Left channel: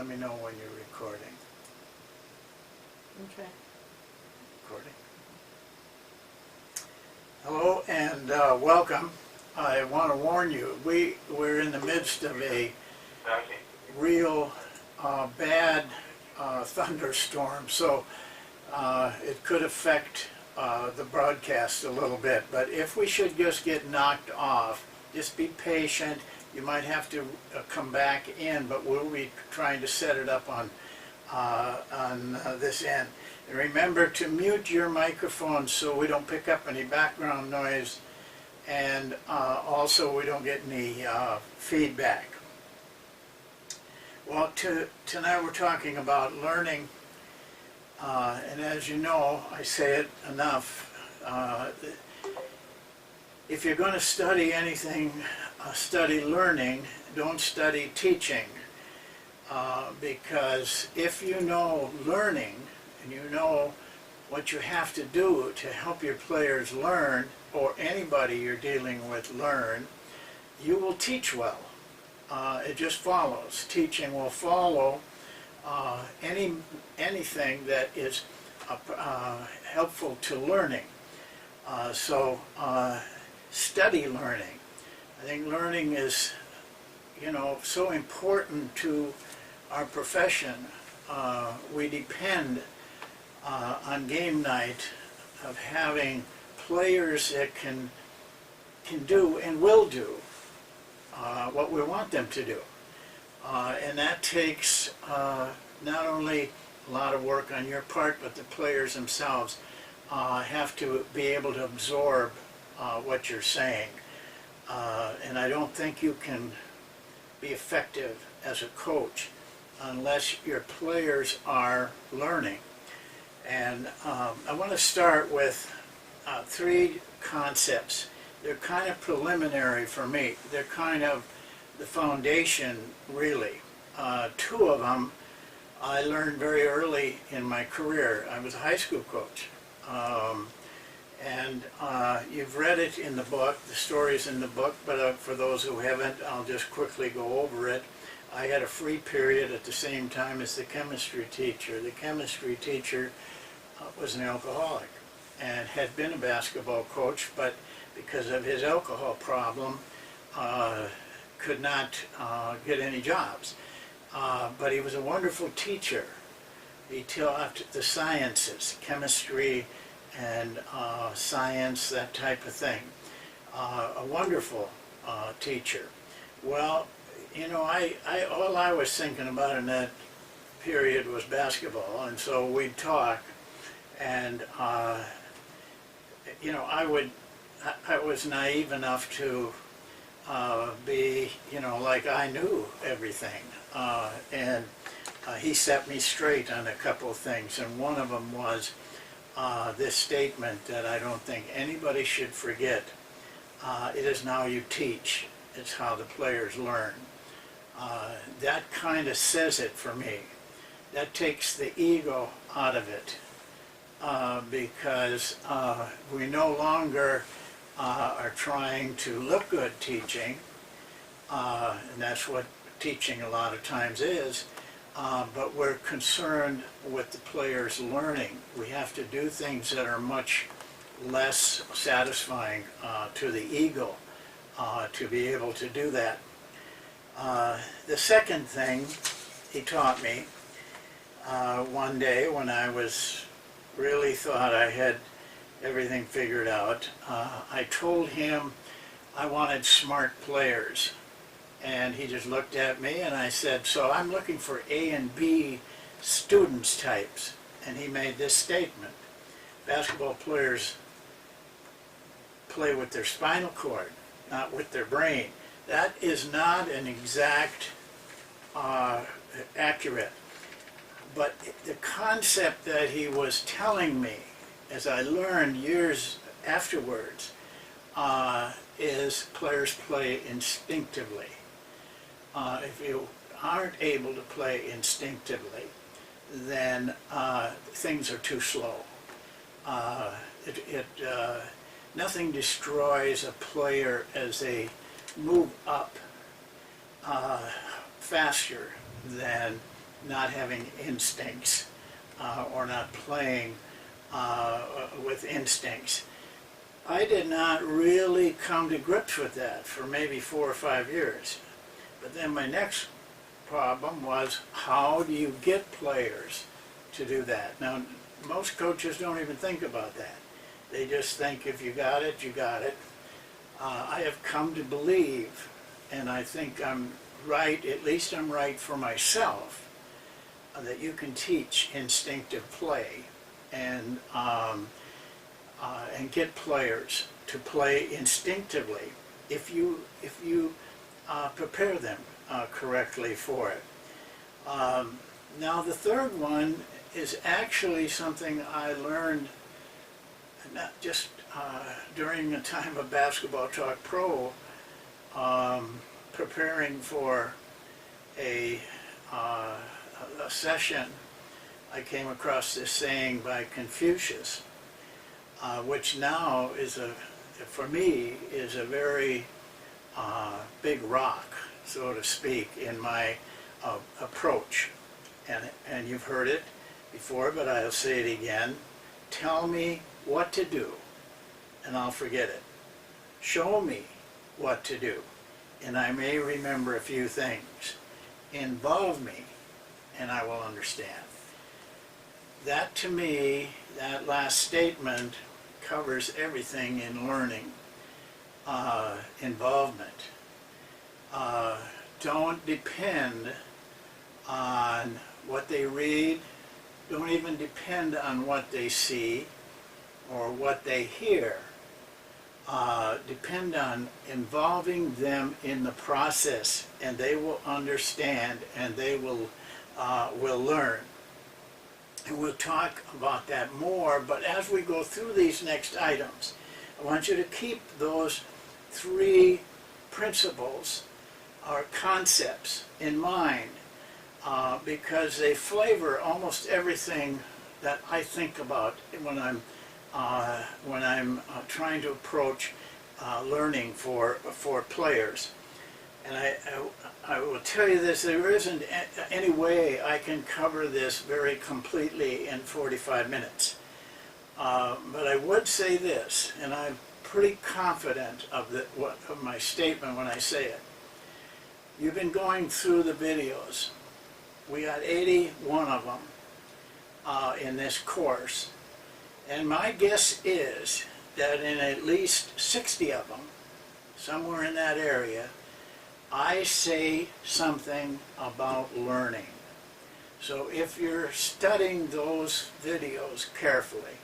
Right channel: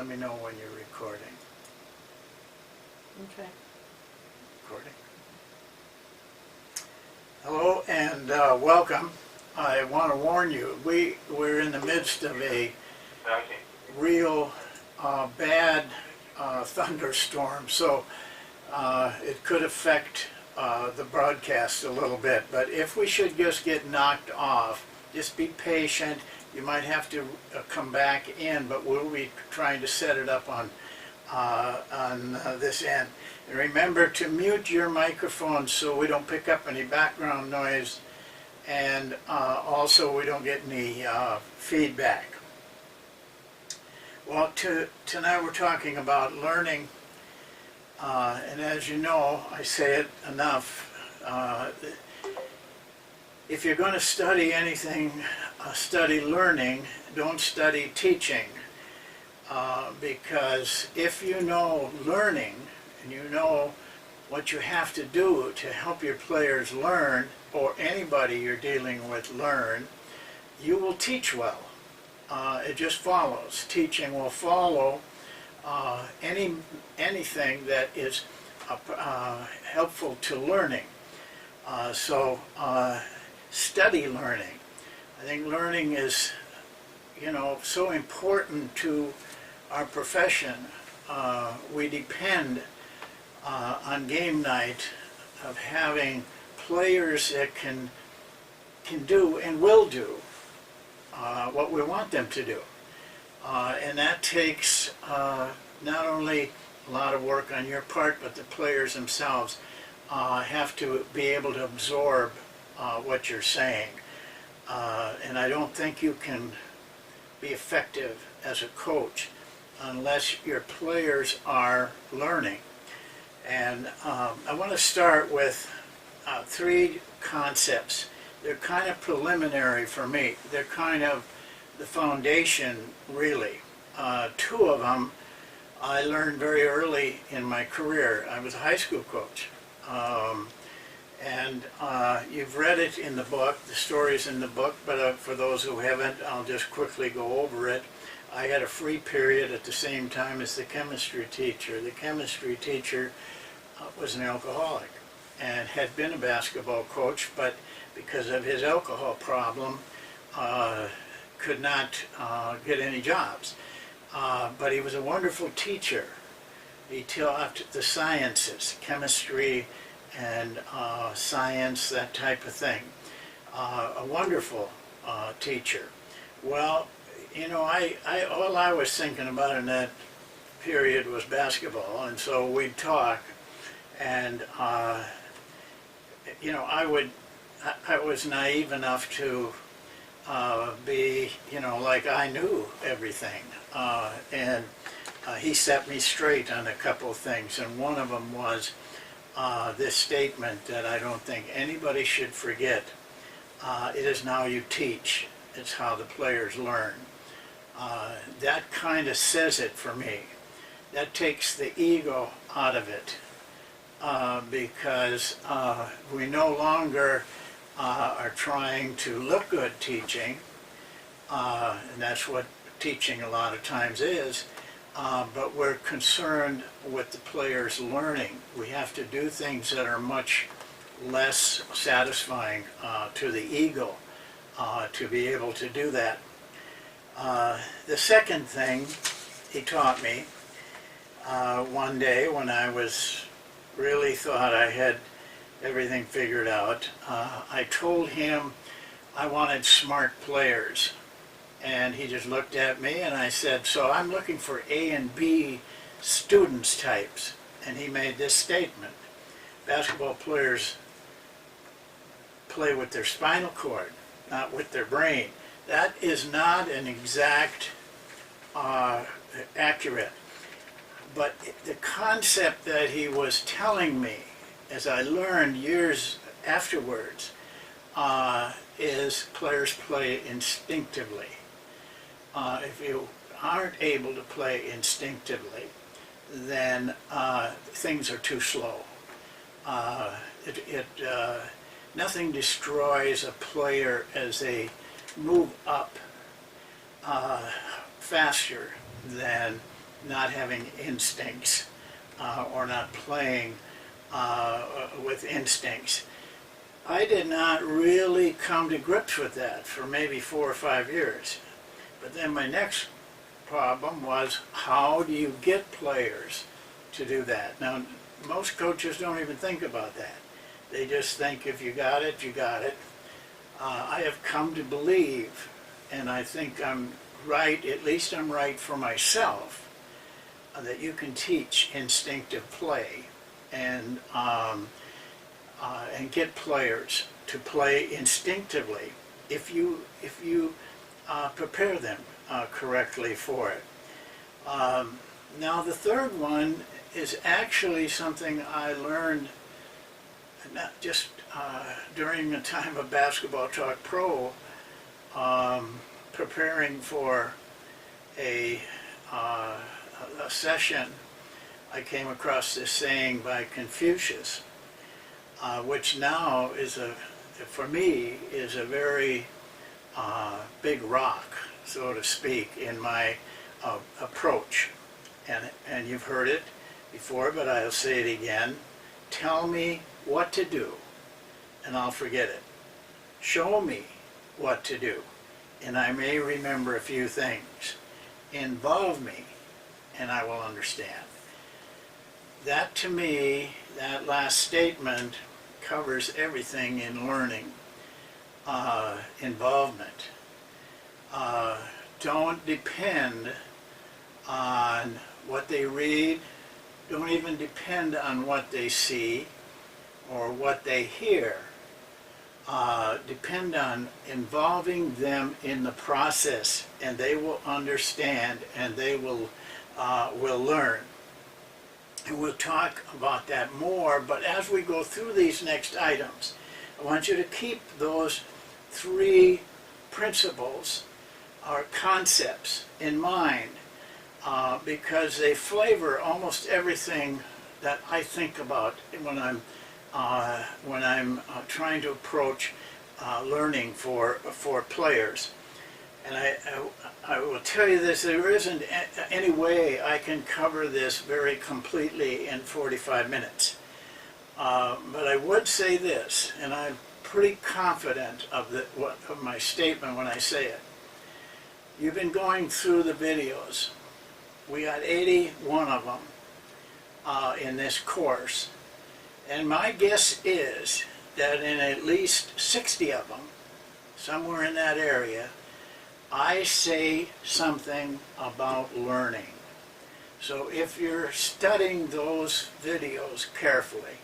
let me know when you're recording. Okay. Recording. Hello and welcome. I want to warn you, we're in the midst of a real bad thunderstorm, so it could affect the broadcast a little bit. But if we should just get knocked off, just be patient. You might have to come back in, but we'll be trying to set it up on this end. And remember to mute your microphone so we don't pick up any background noise, and also we don't get any feedback. Well, tonight we're talking about learning, and as you know, I say it enough, if you're going to study anything, study learning, don't study teaching. Because if you know learning, and you know what you have to do to help your players learn, or anybody you're dealing with learn, you will teach well. It just follows. Teaching will follow anything that is helpful to learning. So study learning. I think learning is, so important to our profession. We depend on game night of having players that can do and will do what we want them to do. And that takes not only a lot of work on your part, but the players themselves have to be able to absorb what you're saying. And I don't think you can be effective as a coach unless your players are learning. And I want to start with three concepts. They're kind of preliminary for me. They're kind of the foundation, really. Two of them I learned very early in my career. I was a high school coach. And you've read it in the book, the story's in the book, but for those who haven't, I'll just quickly go over it. I had a free period at the same time as the chemistry teacher. The chemistry teacher was an alcoholic and had been a basketball coach, but because of his alcohol problem, could not get any jobs. But he was a wonderful teacher. He taught the sciences, chemistry, and science, that type of thing. A wonderful teacher. Well, all I was thinking about in that period was basketball, and so we'd talk, and I was naive enough to be, like I knew everything, and he set me straight on a couple of things, and one of them was this statement that I don't think anybody should forget. It is now you teach, it's how the players learn. That kind of says it for me. That takes the ego out of it, because we no longer are trying to look good teaching, and that's what teaching a lot of times is. But we're concerned with the players learning. We have to do things that are much less satisfying to the ego to be able to do that. The second thing he taught me one day when I really thought I had everything figured out, I told him I wanted smart players. And he just looked at me and I said, so I'm looking for A and B students types. And he made this statement: basketball players play with their spinal cord, not with their brain. That is not an exact accurate. But the concept that he was telling me, as I learned years afterwards, is players play instinctively. If you aren't able to play instinctively, then things are too slow. Nothing destroys a player as they move up faster than not having instincts or not playing with instincts. I did not really come to grips with that for maybe 4 or 5 years. But then my next problem was, how do you get players to do that? Now, most coaches don't even think about that. They just think if you got it, you got it. I have come to believe, and I think I'm right, at least I'm right for myself, that you can teach instinctive play and get players to play instinctively if you prepare them correctly for it. Now the third one is actually something I learned not just during the time of Basketball Talk Pro, preparing for a session. I came across this saying by Confucius, which now is for me, is a very big rock, so to speak, in my approach. And you've heard it before, but I'll say it again. Tell me what to do, and I'll forget it. Show me what to do, and I may remember a few things. Involve me, and I will understand. That, to me, that last statement covers everything in learning. Involvement. Don't depend on what they read. Don't even depend on what they see or what they hear. Depend on involving them in the process, and they will understand, and they will learn. And we'll talk about that more, but as we go through these next items, I want you to keep those 3 principles or concepts in mind, because they flavor almost everything that I think about when I'm trying to approach learning for players. And I will tell you this, there isn't any way I can cover this very completely in 45 minutes. But I would say this, and I'm pretty confident of my statement when I say it. You've been going through the videos. We got 81 of them in this course. And my guess is that in at least 60 of them, somewhere in that area, I say something about learning. So if you're studying those videos carefully,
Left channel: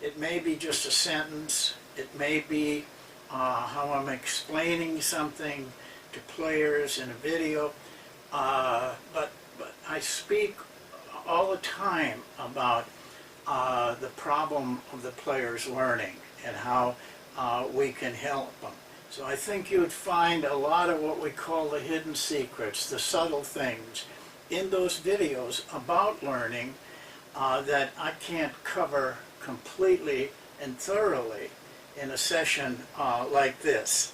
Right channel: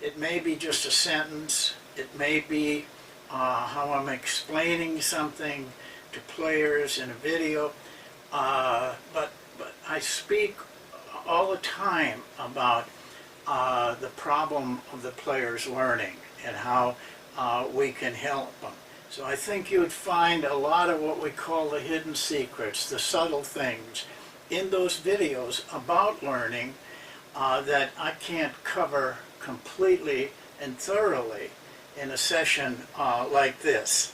it may be just a sentence, it may be how I'm explaining something to players in a video, but I speak all the time about the problem of the players learning and how we can help them. So I think you would find a lot of what we call the hidden secrets, the subtle things, in those videos about learning that I can't cover completely and thoroughly in a session like this.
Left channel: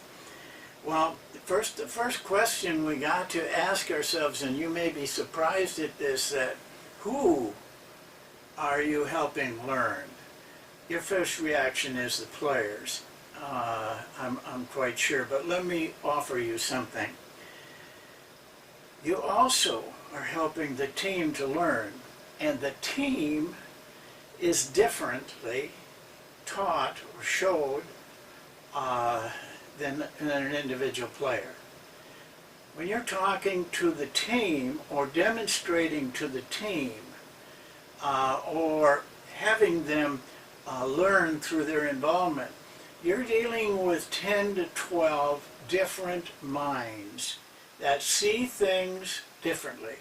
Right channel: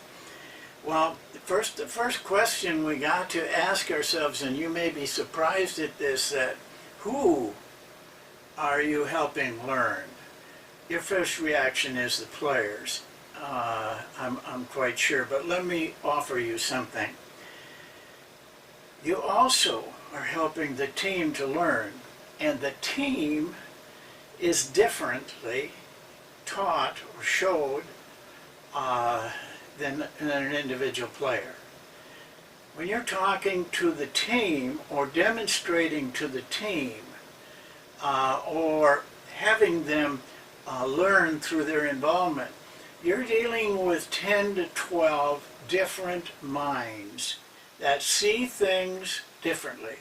Well, the first question we got to ask ourselves, and you may be surprised at this, that who are you helping learn? Your first reaction is the players. I'm quite sure, but let me offer you something. You also are helping the team to learn, and the team is differently taught or showed than an individual player. When you're talking to the team or demonstrating to the team or having them learn through their involvement, you're dealing with 10 to 12 different minds that see things differently.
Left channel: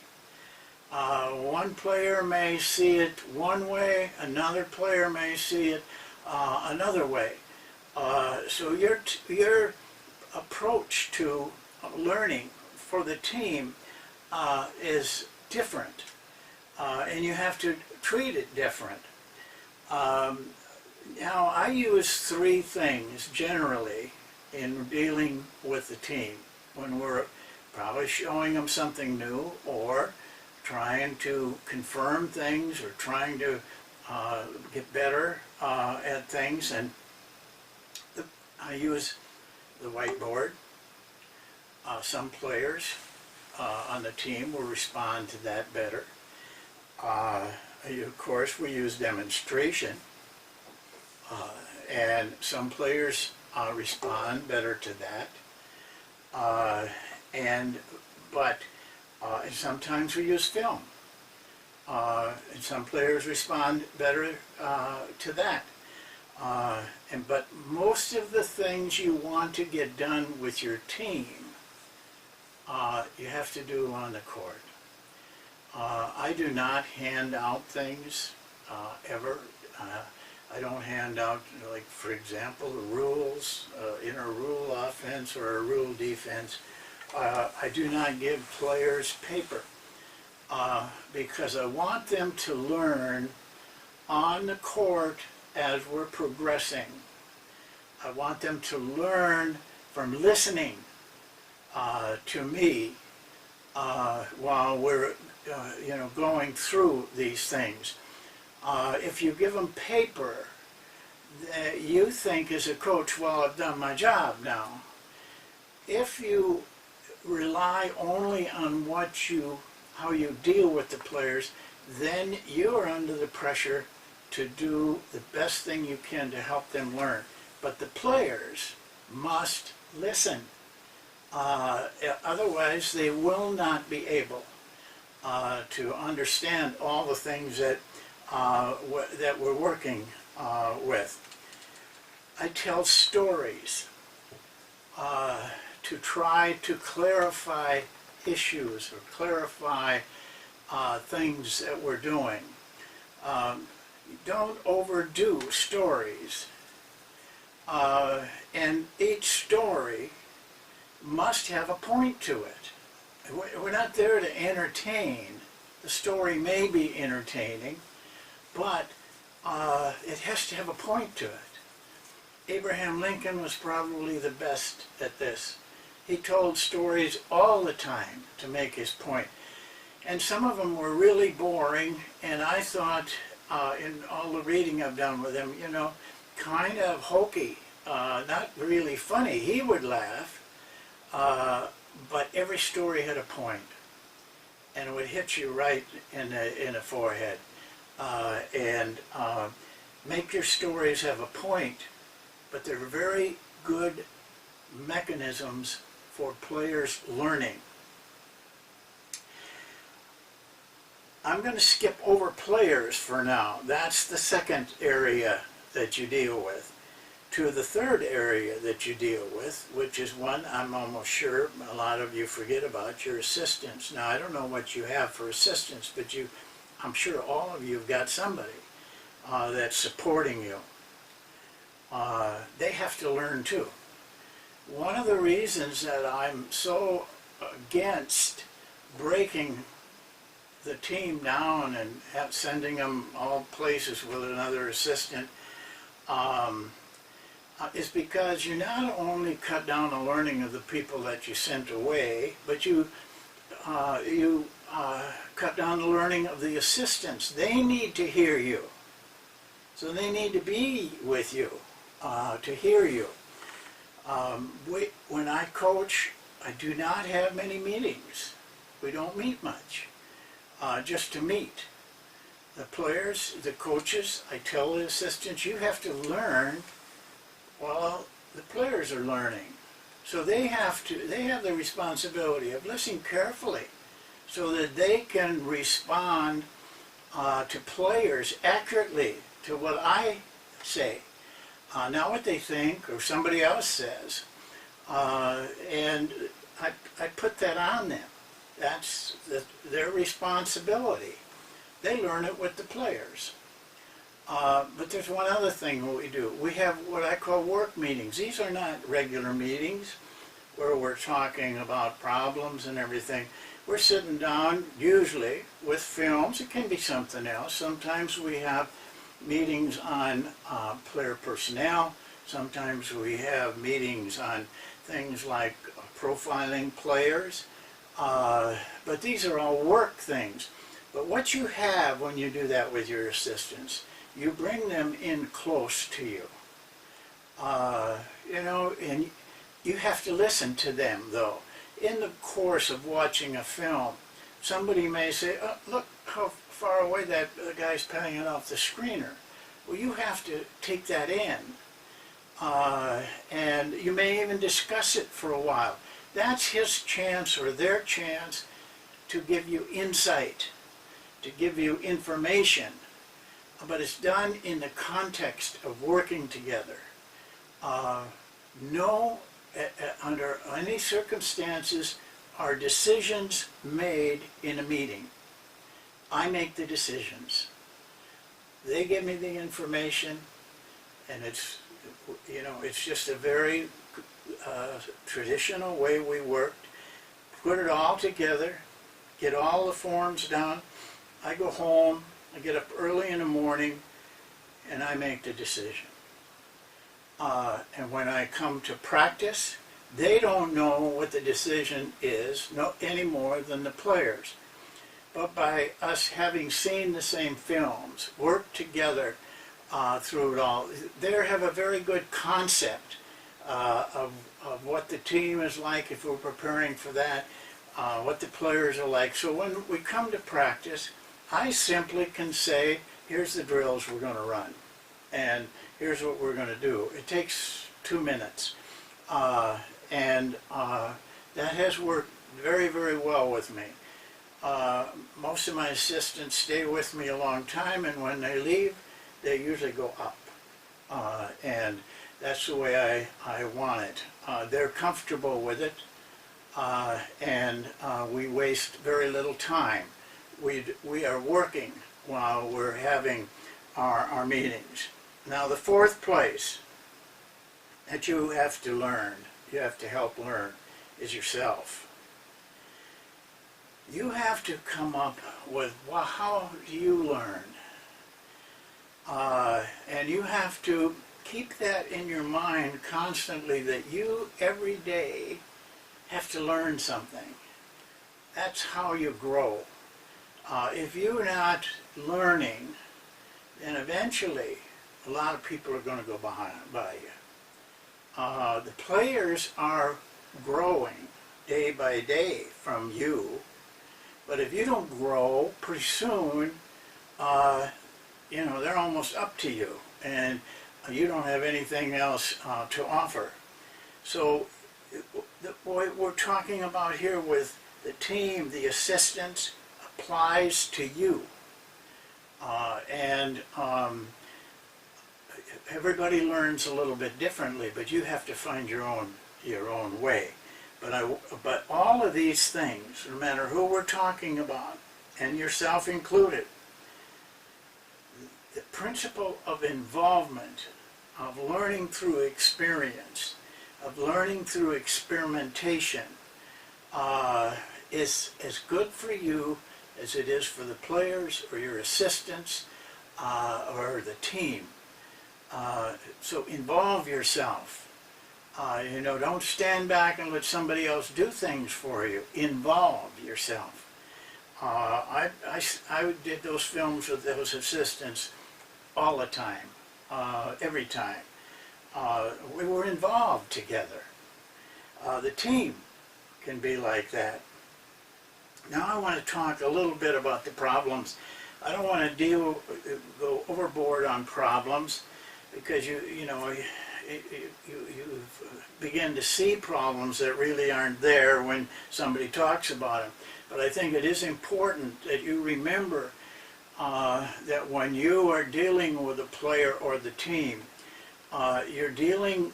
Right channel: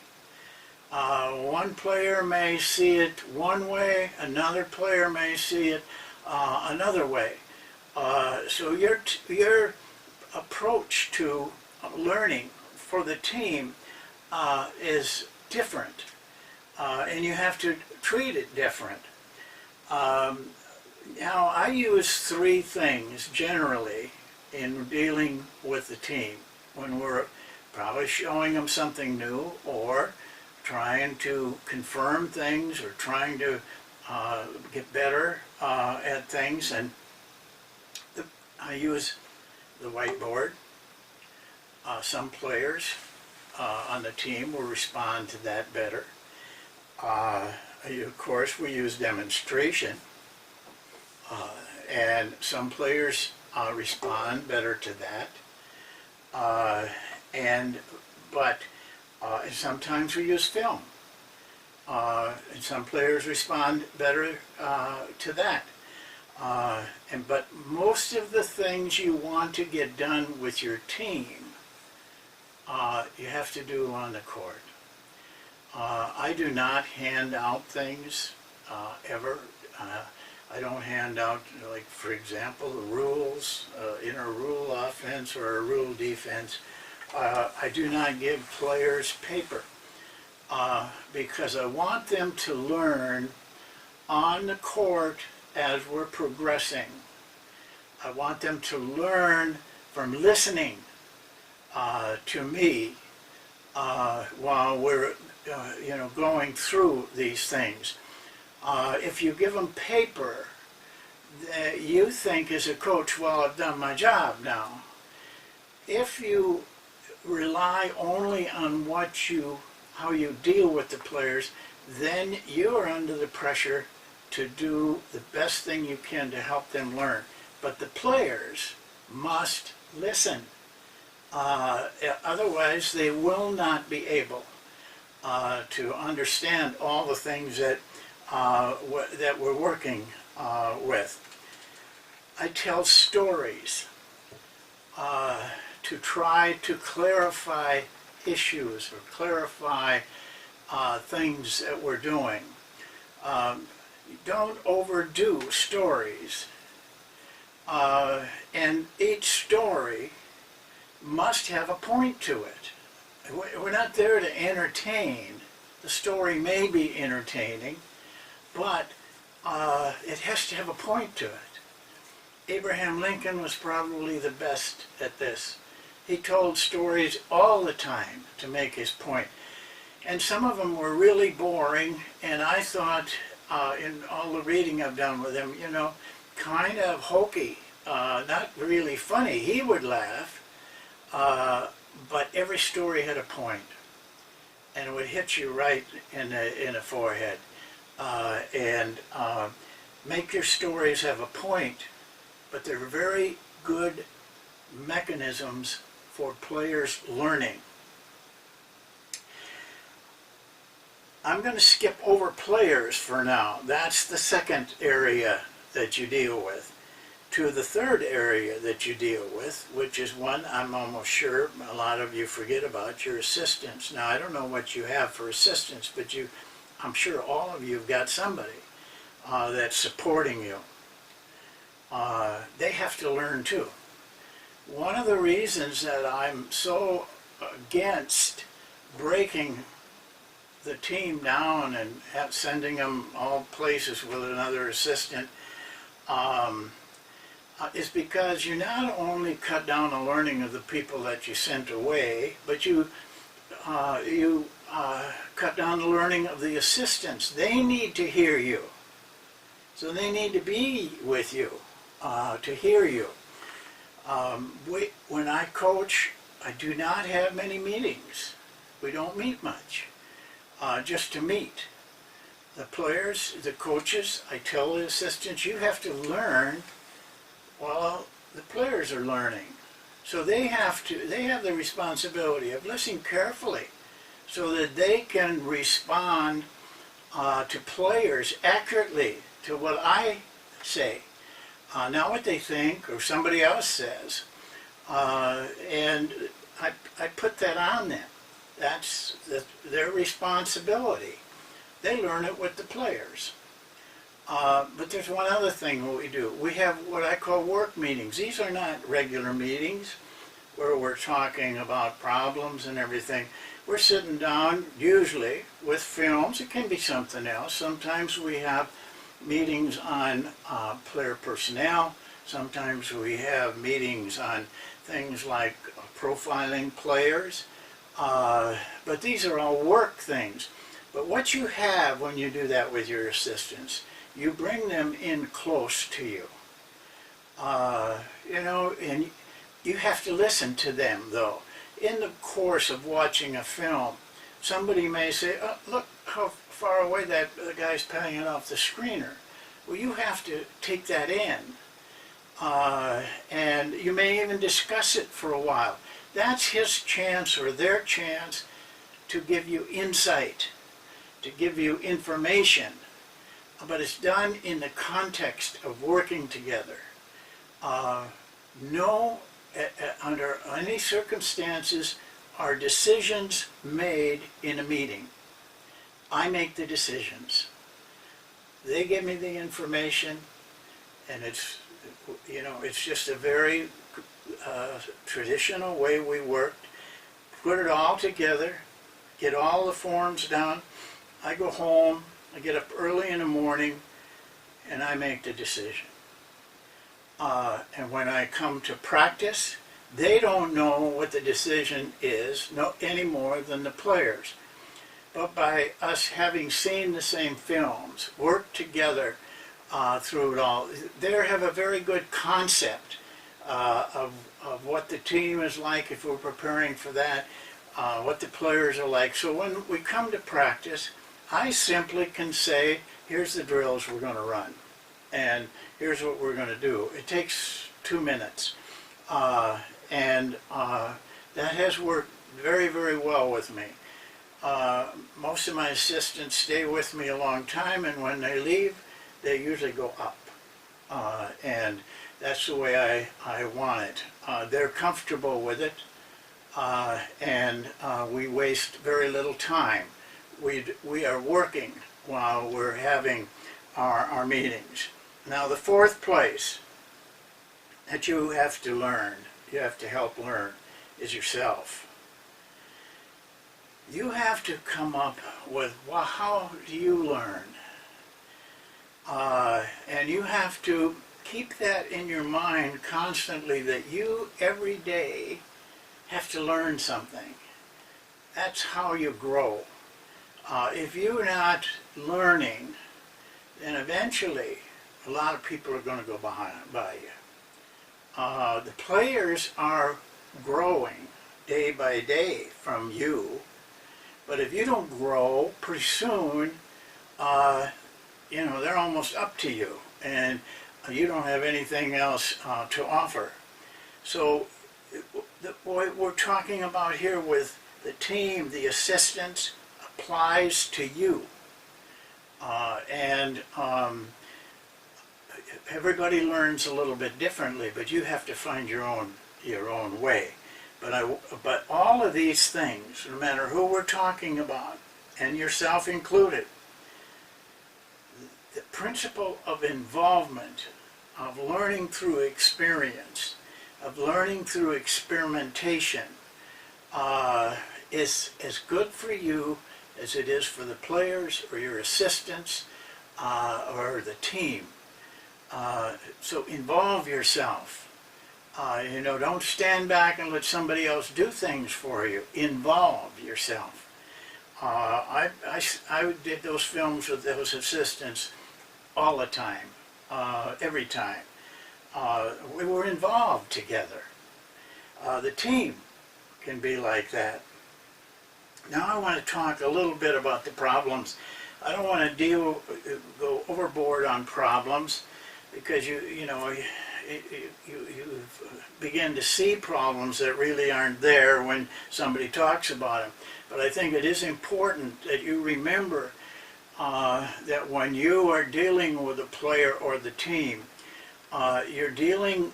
One player may see it one way, another player may see it another way. So your approach to learning for the team is different, and you have to treat it different. Now, I use 3 things generally in dealing with the team when we're probably showing them something new or trying to confirm things or trying to get better at things. And I use the whiteboard. Some players on the team will respond to that better. Of course, we use demonstration, and some players respond better to that. But sometimes we use film, and some players respond better to that. But most of the things you want to get done with your team, you have to do on the court. I do not hand out things ever. I don't hand out, like, for example, the rules in a rule offense or a rule defense. I do not give players paper because I want them to learn on the court as we're progressing. I want them to learn from listening to me while we're going through these things. If you give them paper, you think as a coach, well, I've done my job now. If you rely only on how you deal with the players, then you're under the pressure to do the best thing you can to help them learn. But the players must listen. Otherwise, they will not be able to understand all the things that we're working with. I tell stories to try to clarify issues or clarify things that we're doing. Don't overdo stories. And each story must have a point to it. We're not there to entertain. The story may be entertaining, but it has to have a point to it. Abraham Lincoln was probably the best at this. He told stories all the time to make his point. And some of them were really boring, and I thought, in all the reading I've done with him, kind of hokey, not really funny. He would laugh, but every story had a point, and it would hit you right in the forehead. Make your stories have a point, but they're very good mechanisms for players learning. I'm going to skip over players for now. That's the second area that you deal with. To the third area that you deal with, which is one I'm almost sure a lot of you forget about, your assistants. Now, I don't know what you have for assistants, but I'm sure all of you have got somebody that's supporting you. They have to learn too. One of the reasons that I'm so against breaking the team down and sending them all places with another assistant is because you not only cut down the learning of the people that you sent away, but you cut down the learning of the assistants. They need to hear you. So they need to be with you to hear you. When I coach, I do not have many meetings. We don't meet much, just to meet. The players, the coaches, I tell the assistants, you have to learn while the players are learning. So they have the responsibility of listening carefully so that they can respond to players accurately to what I say. Not what they think or somebody else says. And I put that on them. That's their responsibility. They learn it with the players. But there's one other thing we do. We have what I call work meetings. These are not regular meetings where we're talking about problems and everything. We're sitting down, usually, with films. It can be something else. Sometimes we have meetings on player personnel. Sometimes we have meetings on things like profiling players. But these are all work things. But what you have when you do that with your assistants, you bring them in close to you. You know, and you have to listen to them, though. In the course of watching a film, somebody may say, oh, look how far away that guy's playing it off the screener. Well, you have to take that in. And you may even discuss it for a while. That's his chance or their chance to give you insight, to give you information. But it's done in the context of working together. Under any circumstances are decisions made in a meeting. I make the decisions. They give me the information, and it's, you know, it's just a very traditional way we worked. Put it all together, get all the forms done. I go home, I get up early in the morning, and I make the decision. And when I come to practice, they don't know what the decision is any more than the players. But by us having seen the same films, worked together through it all, they have a very good concept of what the team is like if we're preparing for that, what the players are like. So when we come to practice, I simply can say, here's the drills we're going to run, and here's what we're going to do. It takes 2 minutes, and that has worked very, very well with me. Most of my assistants stay with me a long time, and when they leave, they usually go up. And that's the way I want it. They're comfortable with it, and we waste very little time. We are working while we're having our meetings. Now, the fourth place that you have to learn, you have to help learn, is yourself. You have to come up with, well, how do you learn? And you have to keep that in your mind constantly, that you, every day, have to learn something. That's how you grow. If you're not learning, then eventually a lot of people are going to go by you. The players are growing day by day from you, but if you don't grow, pretty soon, you know, they're almost up to you, and you don't have anything else to offer. So what we're talking about here with the team, the assistants, applies to you. Everybody learns a little bit differently, but you have to find your own way. But all of these things, no matter who we're talking about, and yourself included, the principle of involvement, of learning through experience, of learning through experimentation, is as good for you as it is for the players or your assistants or the team. So involve yourself. You know, don't stand back and let somebody else do things for you. Involve yourself. I did those films with those assistants all the time, every time. We were involved together. The team can be like that. Now I want to talk a little bit about the problems. I don't want to go overboard on problems, because you begin to see problems that really aren't there when somebody talks about them. But I think it is important that you remember that when you are dealing with a player or the team, you're dealing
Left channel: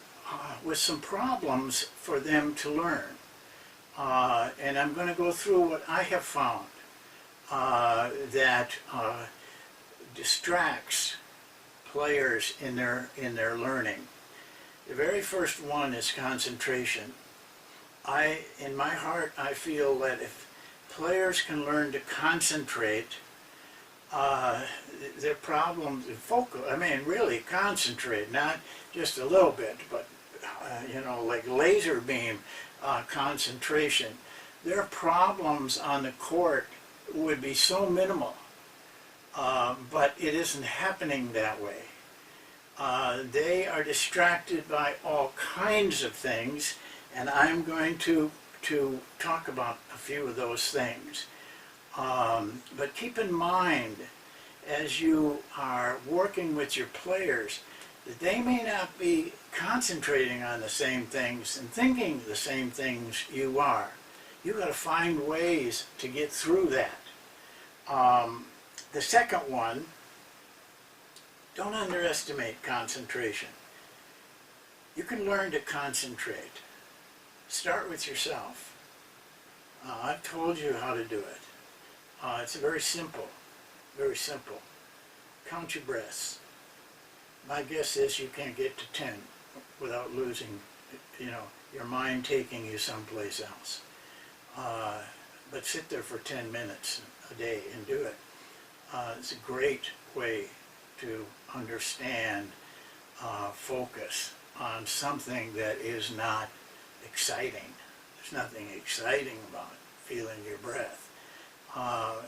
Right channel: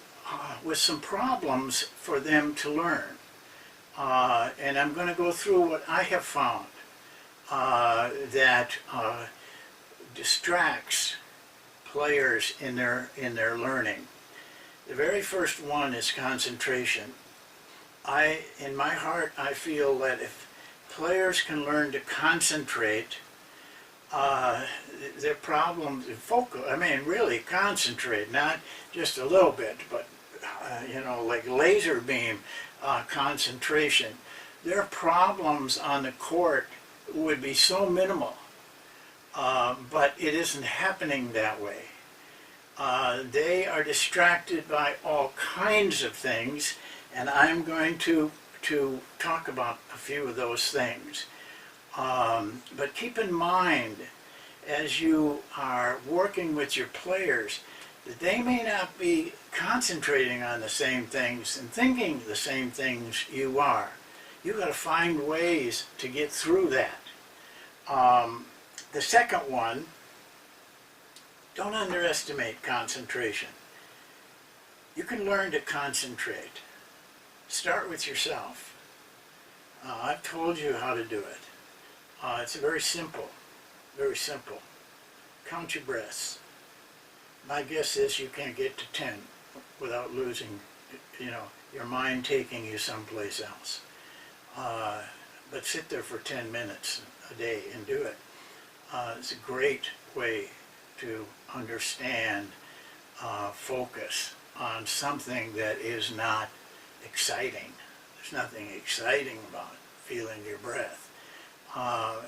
with some problems for them to learn. And I'm going to go through what I have found that distracts players in their learning. The very first one is concentration. In my heart, I feel that if players can learn to concentrate, their problems, really concentrate, not just a little bit, but like laser beam concentration, their problems on the court would be so minimal but it isn't happening that way. They are distracted by all kinds of things, and I'm going to talk about a few of those things. But keep in mind, as you are working with your players, that they may not be concentrating on the same things and thinking the same things you are. You've got to find ways to get through that. The second one, don't underestimate concentration. You can learn to concentrate. Start with yourself. I've told you how to do it. It's very simple, very simple. Count your breaths. My guess is you can't get to 10 without losing, your mind taking you someplace else. But sit there for 10 minutes a day and do it. It's a great way to understand focus on something that is not exciting. There's nothing exciting about feeling your breath.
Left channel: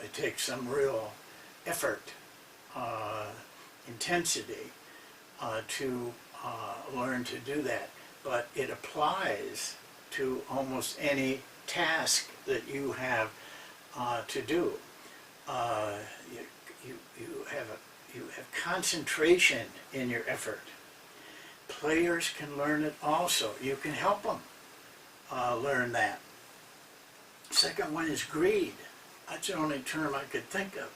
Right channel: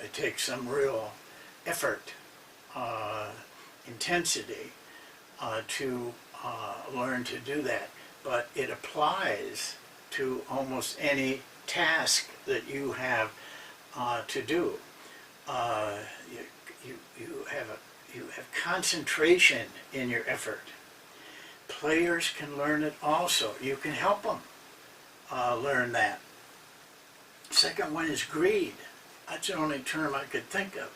It takes some real effort, intensity to learn to do that. But it applies to almost any task that you have to do. You have concentration in your effort. Players can learn it also. You can help them learn that. Second one is greed. That's the only term I could think of.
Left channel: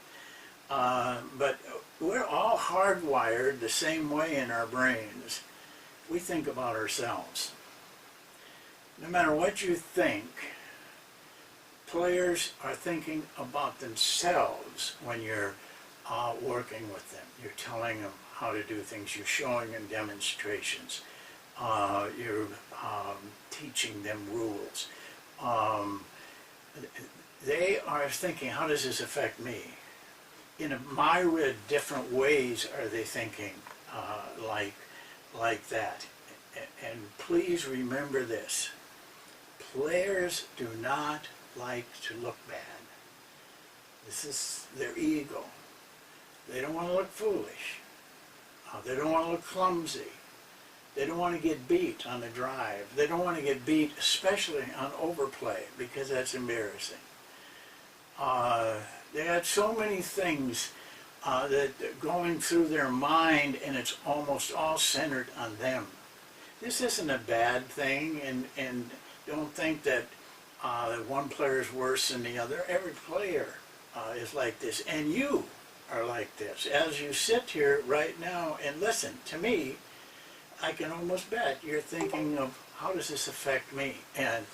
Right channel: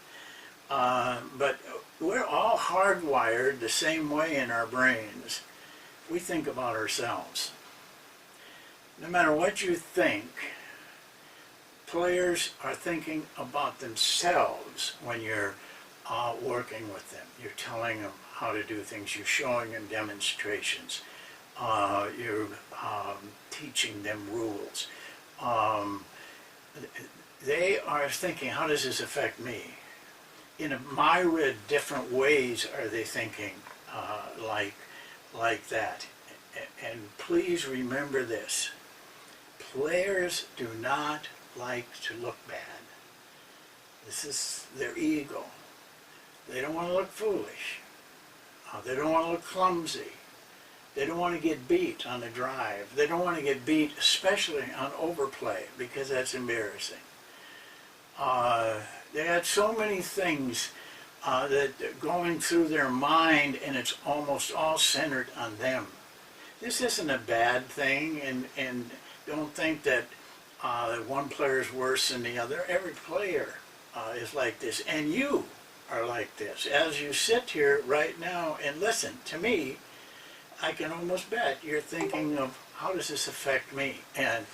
But we're all hardwired the same way in our brains. We think about ourselves. No matter what you think, players are thinking about themselves when you're working with them. You're telling them how to do things. You're showing them demonstrations. You're teaching them rules. They are thinking, how does this affect me? In a myriad different ways are they thinking like that. And please remember this. Players do not like to look bad. This is their ego. They don't want to look foolish. They don't want to look clumsy. They don't want to get beat on the drive. They don't want to get beat, especially on overplay, because that's embarrassing. They had so many things that are going through their mind, and it's almost all centered on them. This isn't a bad thing, and don't think that one player is worse than the other. Every player is like this, and you are like this. As you sit here right now and listen to me, I can almost bet you're thinking of, how does this affect me? And,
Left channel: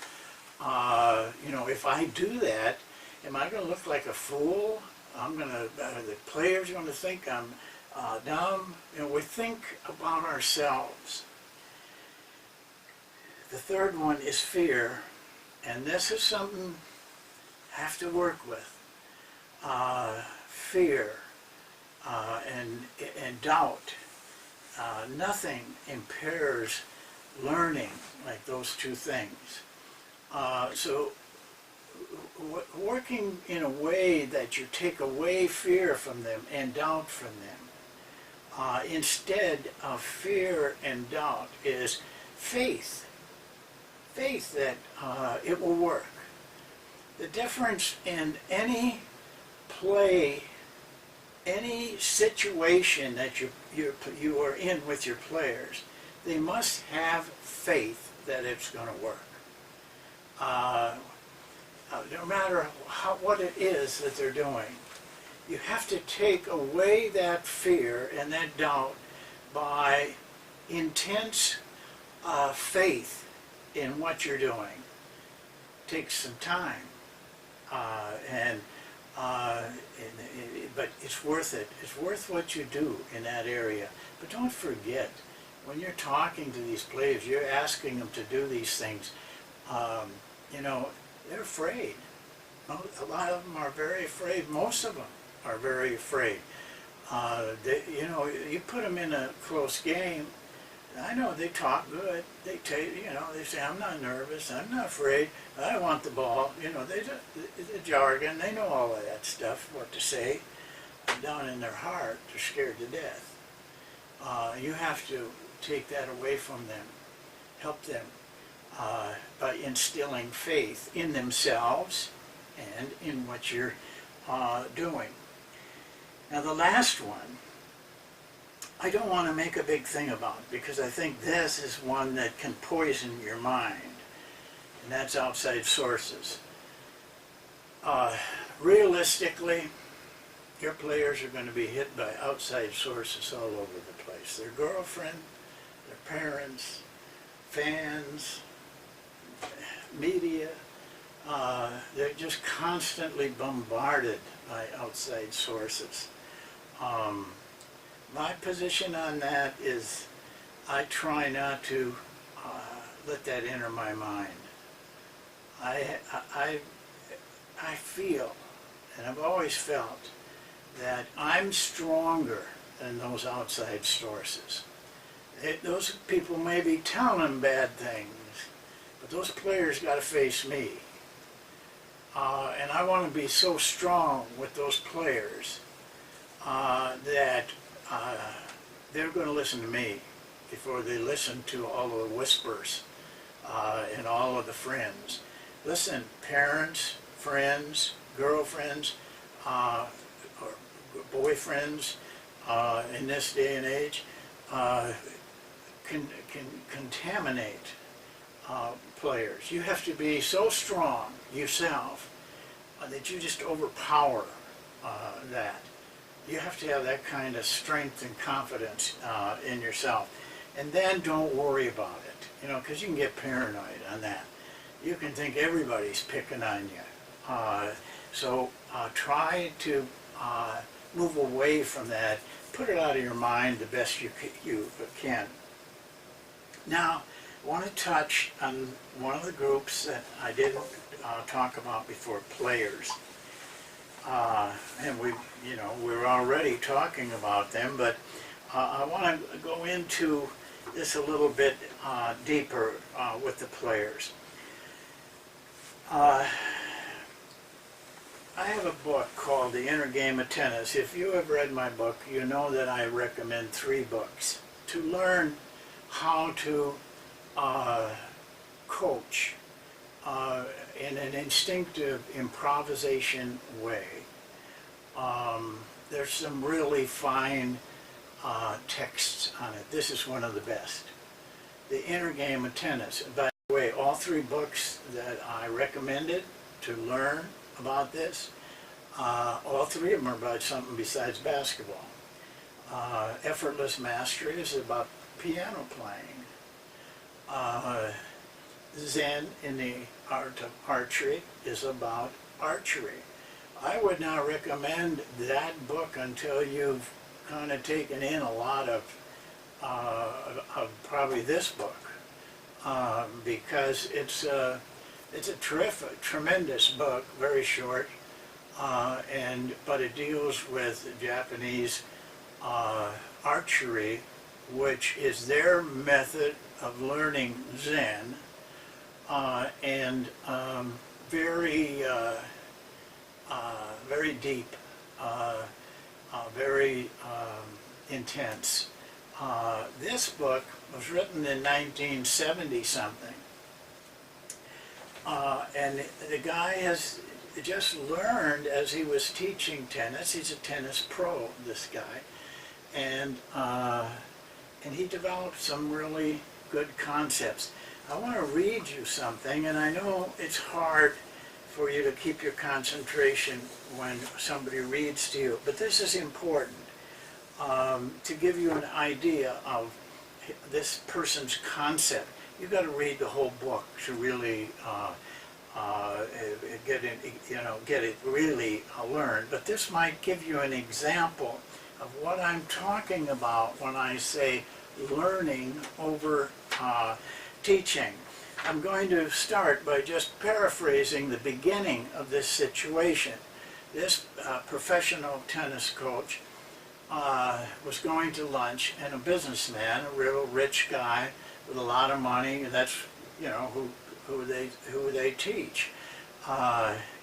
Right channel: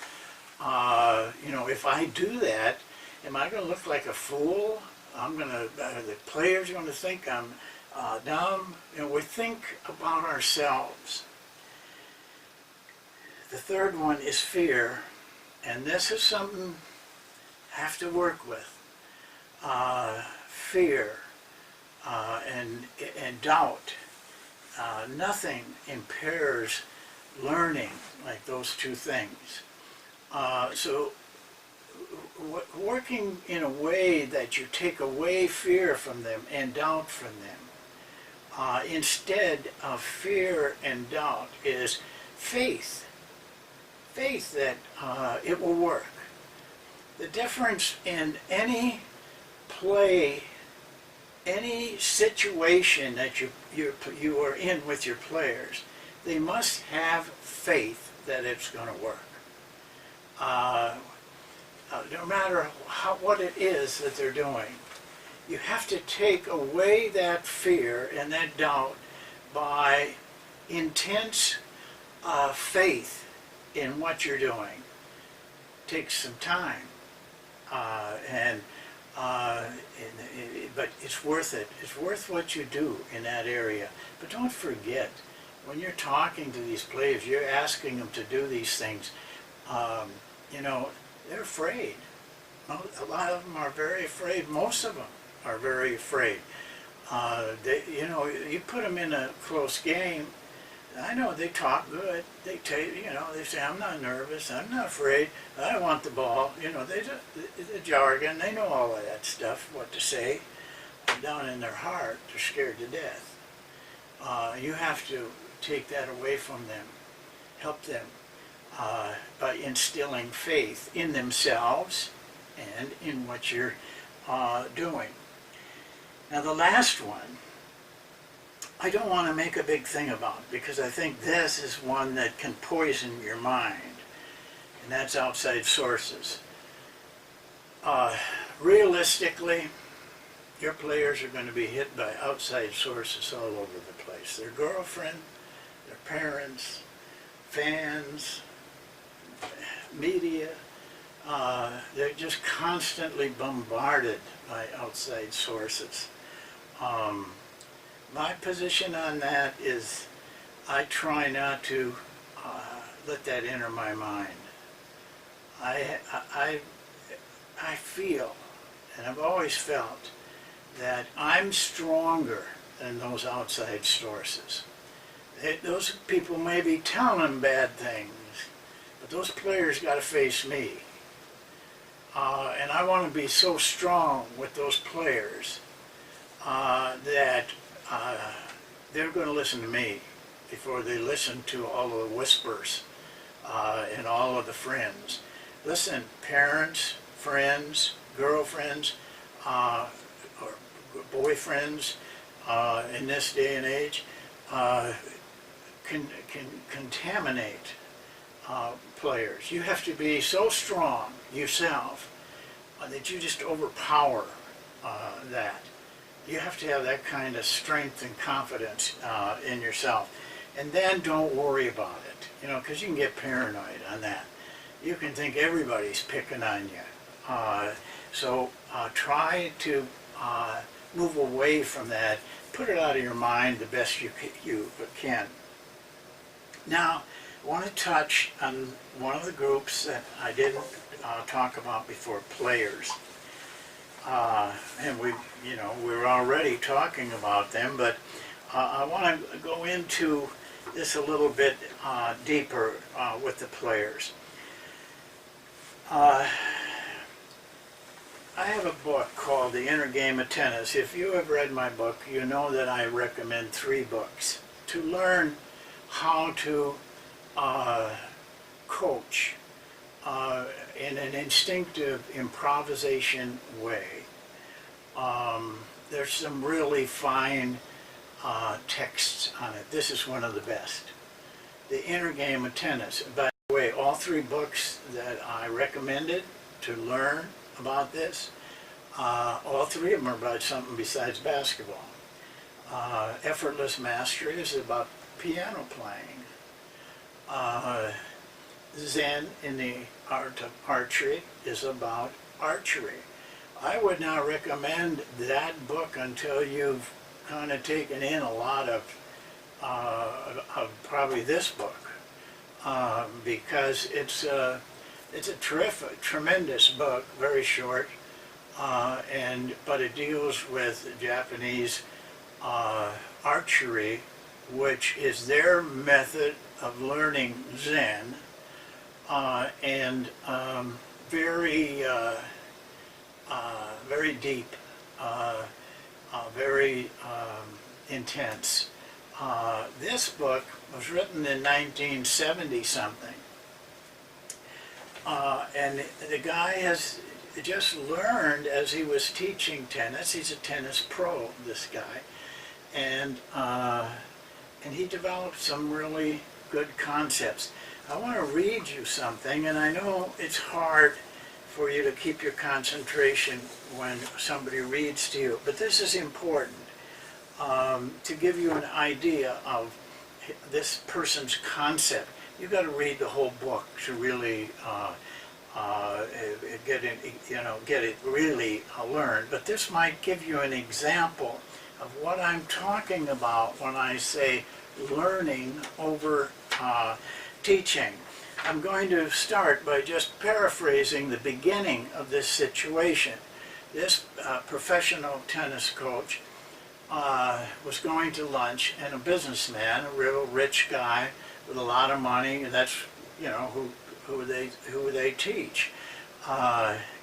if I do that, am I going to look like a fool? The players are going to think I'm dumb. We think about ourselves. The third one is fear, and this is something I have to work with. Fear and doubt. Nothing impairs learning like those two things. So working in a way that you take away fear from them and doubt from them, instead of fear and doubt, is faith. Faith that it will work. The difference in any play, any situation that you are in with your players, they must have faith that it's going to work. No matter what it is that they're doing, you have to take away that fear and that doubt by intense faith in what you're doing. It takes some time, but it's worth it. It's worth what you do in that area. But don't forget, when you're talking to these players, you're asking them to do these things. They're afraid. A lot of them are very afraid. Most of them are very afraid. You put them in a close game. I know they talk good. They say, I'm not nervous. I'm not afraid. I want the ball. The jargon. They know all of that stuff, what to say. deep down in their heart, they're scared to death. You have to take that away from them, help them by instilling faith in themselves and in what you're doing. Now the last one, I don't want to make a big thing about, because I think this is one that can poison your mind, and that's outside sources. Realistically, your players are going to be hit by outside sources all over the place. Their girlfriend, their parents, fans, media, they're just constantly bombarded by outside sources. My position on that is I try not to let that enter my mind. I feel, and I've always felt, that I'm stronger than those outside sources. Those people may be telling them bad things, but those players got to face me. And I want to be so strong with those players that they're going to listen to me before they listen to all of the whispers and all of the friends. Listen, parents, friends, girlfriends, or boyfriends in this day and age can contaminate players. You have to be so strong yourself that you just overpower that. You have to have that kind of strength and confidence in yourself. And then don't worry about it, you know, because you can get paranoid on that. You can think everybody's picking on you. So try to move away from that. Put it out of your mind the best you can. Now, I want to touch on one of the groups that I didn't talk about before, players. And we're already talking about them, but I want to go into this a little bit deeper with the players. I have a book called The Inner Game of Tennis. If you have read my book, you know that I recommend 3 books to learn how to coach in an instinctive improvisation way. There's some really fine texts on it. This is one of the best. The Inner Game of Tennis. By the way, all 3 books that I recommended to learn about this, all 3 of them are about something besides basketball. Effortless Mastery is about piano playing. Zen in the Art of Archery is about archery. I would not recommend that book until you've kind of taken in a lot of probably this book, because it's a terrific, tremendous book, very short, but it deals with Japanese archery, which is their method of learning Zen, and very deep, very intense. This book was written in 1970 something, and the guy has just learned as he was teaching tennis. He's a tennis pro, this guy, and he developed some really good concepts. I want to read you something, and I know it's hard for you to keep your concentration when somebody reads to you, but this is important to give you an idea of this person's concept. You've got to read the whole book to really get it really learned. But this might give you an example of what I'm talking about when I say learning over teaching. I'm going to start by just paraphrasing the beginning of this situation. This professional tennis coach was going to lunch, and a businessman, a real rich guy with a lot of money, and that's who they teach,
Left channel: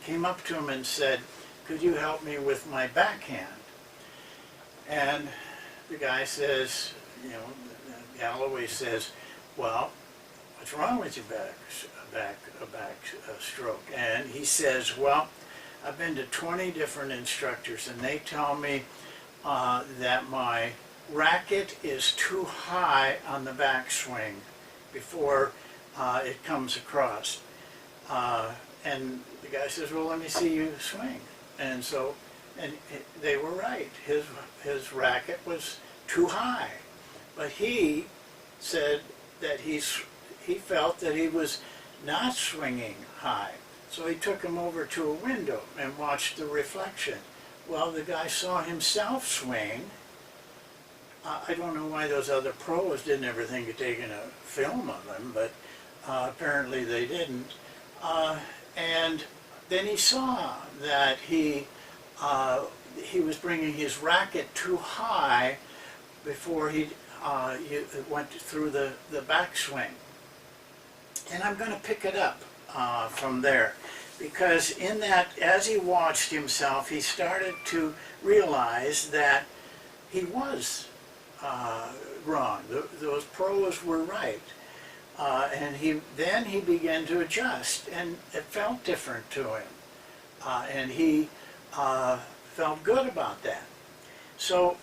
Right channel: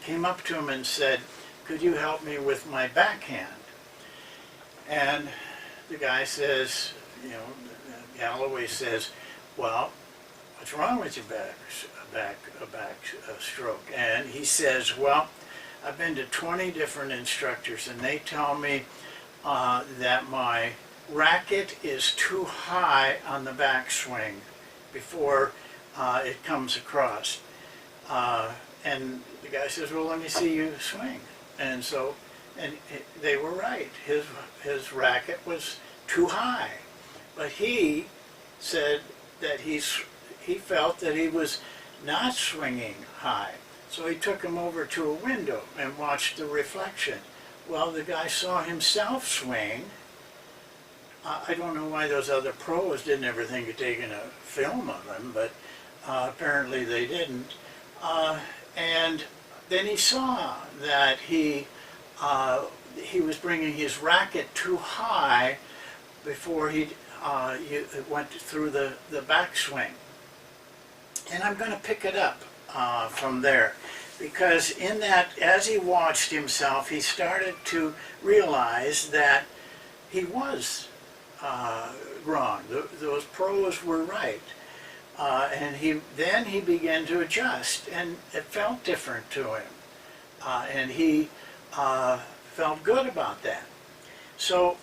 came up to him and said, "Could you help me with my backhand?" And the guy says, Galloway says, well, what's wrong with your back stroke? And he says, well, I've been to 20 different instructors, and they tell me that my racket is too high on the backswing before it comes across. And the guy says, well, let me see you swing. And so, they were right. His racket was too high. But he said that he felt that he was not swinging high. So he took him over to a window and watched the reflection. Well, the guy saw himself swing. I don't know why those other pros didn't ever think of taking a film of him, but apparently they didn't. And then he saw that he was bringing his racket too high before he went through the backswing. And I'm going to pick it up from there, because in that, as he watched himself, he started to realize that he was wrong. Those pros were right. And then he began to adjust, and it felt different to him. And he felt good about that. So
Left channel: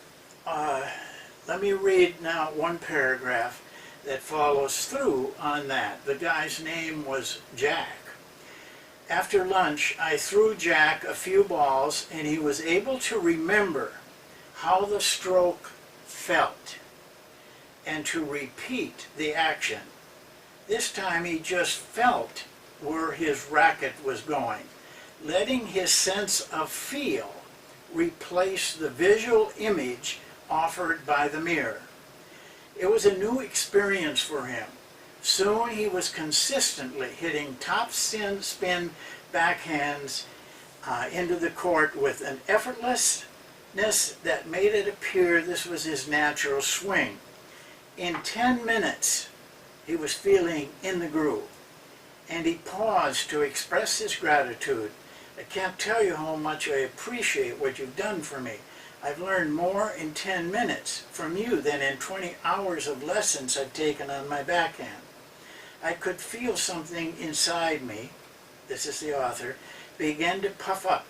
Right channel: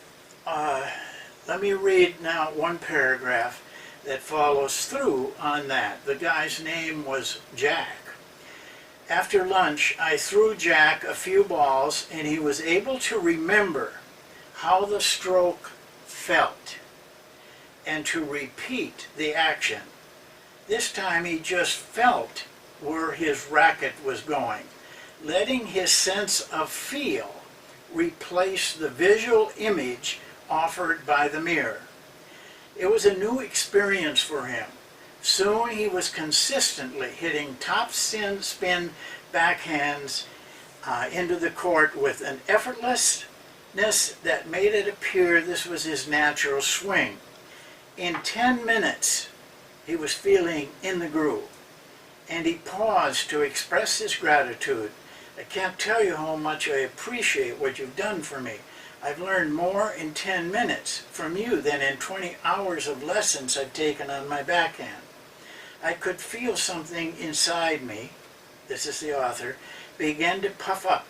let me read now one paragraph that follows through on that. The guy's name was Jack. After lunch, I threw Jack a few balls, and he was able to remember how the stroke felt and to repeat the action. This time he just felt where his racket was going, letting his sense of feel replace the visual image offered by the mirror. It was a new experience for him. Soon he was consistently hitting top spin backhands into the court with an effortlessness that made it appear this was his natural swing. In 10 minutes, he was feeling in the groove, and he paused to express his gratitude. I can't tell you how much I appreciate what you've done for me. I've learned more in 10 minutes from you than in 20 hours of lessons I've taken on my backhand. I could feel something inside me, this is the author, begin to puff up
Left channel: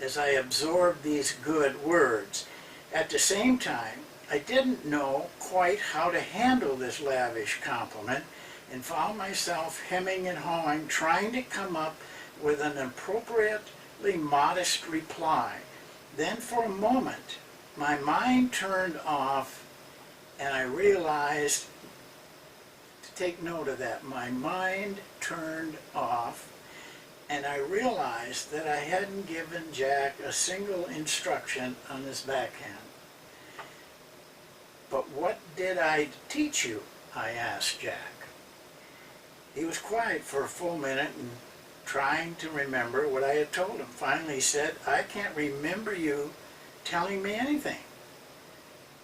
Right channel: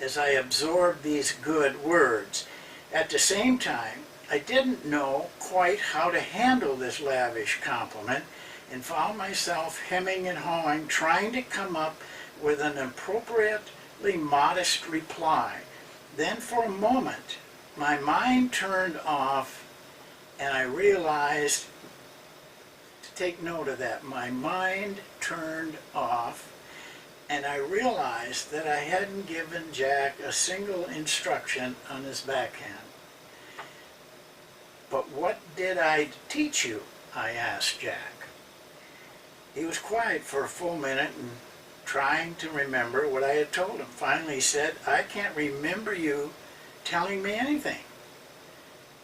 as I absorbed these good words. At the same time, I didn't know quite how to handle this lavish compliment and found myself hemming and hawing, trying to come up with an appropriately modest reply. Then for a moment, my mind turned off, and I realized, to take note of that, my mind turned off, and I realized that I hadn't given Jack a single instruction on his backhand. But what did I teach you? I asked Jack. He was quiet for a full minute and trying to remember what I had told him. Finally he said, I can't remember you telling me anything.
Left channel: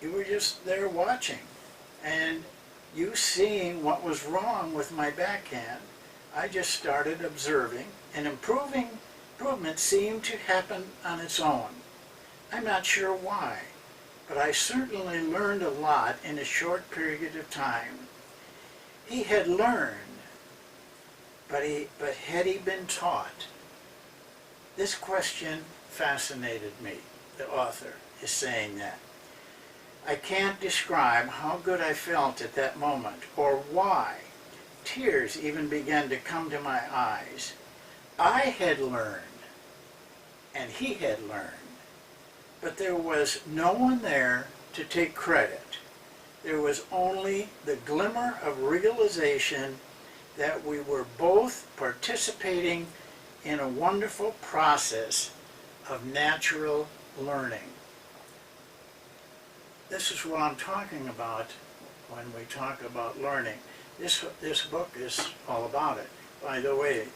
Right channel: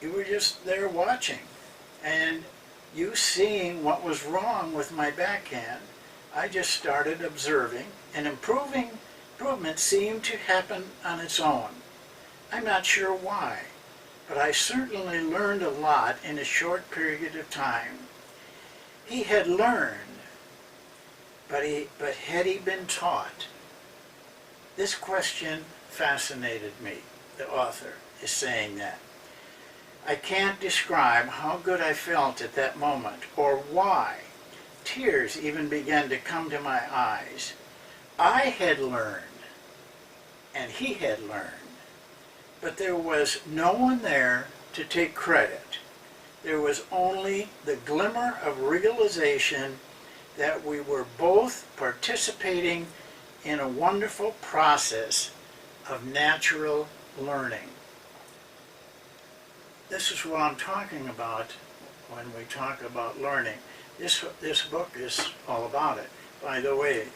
You were just there watching, and you seeing what was wrong with my backhand. I just started observing, and improvement seemed to happen on its own. I'm not sure why, but I certainly learned a lot in a short period of time. He had learned, but had he been taught? This question fascinated me. The author is saying that. I can't describe how good I felt at that moment, or why. Tears even began to come to my eyes. I had learned, and he had learned, but there was no one there to take credit. There was only the glimmer of realization that we were both participating in a wonderful process of natural learning. This is what I'm talking about when we talk about learning. This book is all about it. By the way,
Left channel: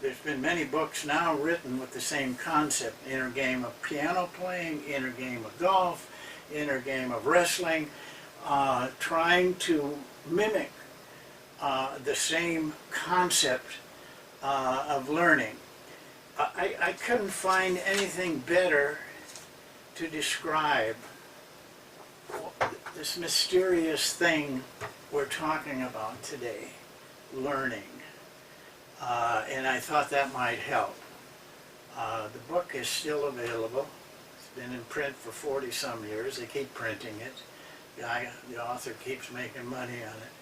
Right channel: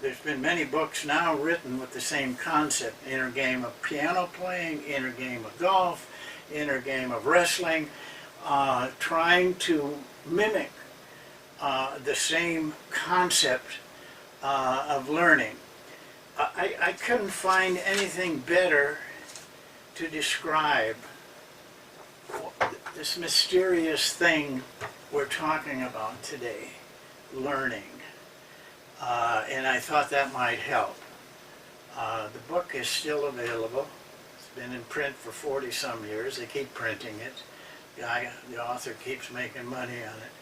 there's been many books now written with the same concept. Inner game of piano playing, inner game of golf, inner game of wrestling, trying to mimic the same concept of learning. I couldn't find anything better to describe this mysterious thing we're talking about today, learning. And I thought that might help. The book is still available. It's been in print for 40 some years. They keep printing it. The author keeps making money on it.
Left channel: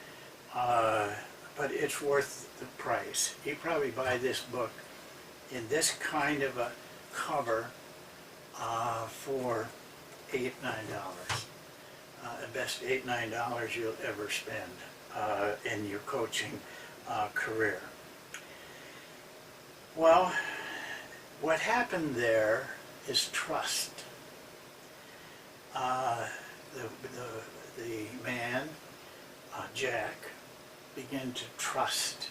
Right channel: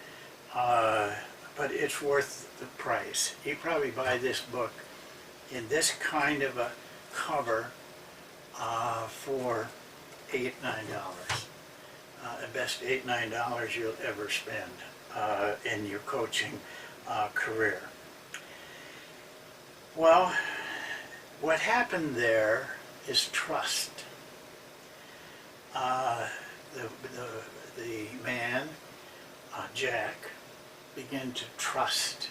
But it's worth the price. You probably buy this book in this kind of a cover for $8, $9. The best $8, $9 you'll ever spend in your coaching career. Well, what happened there is trust. The man, Jack, began to trust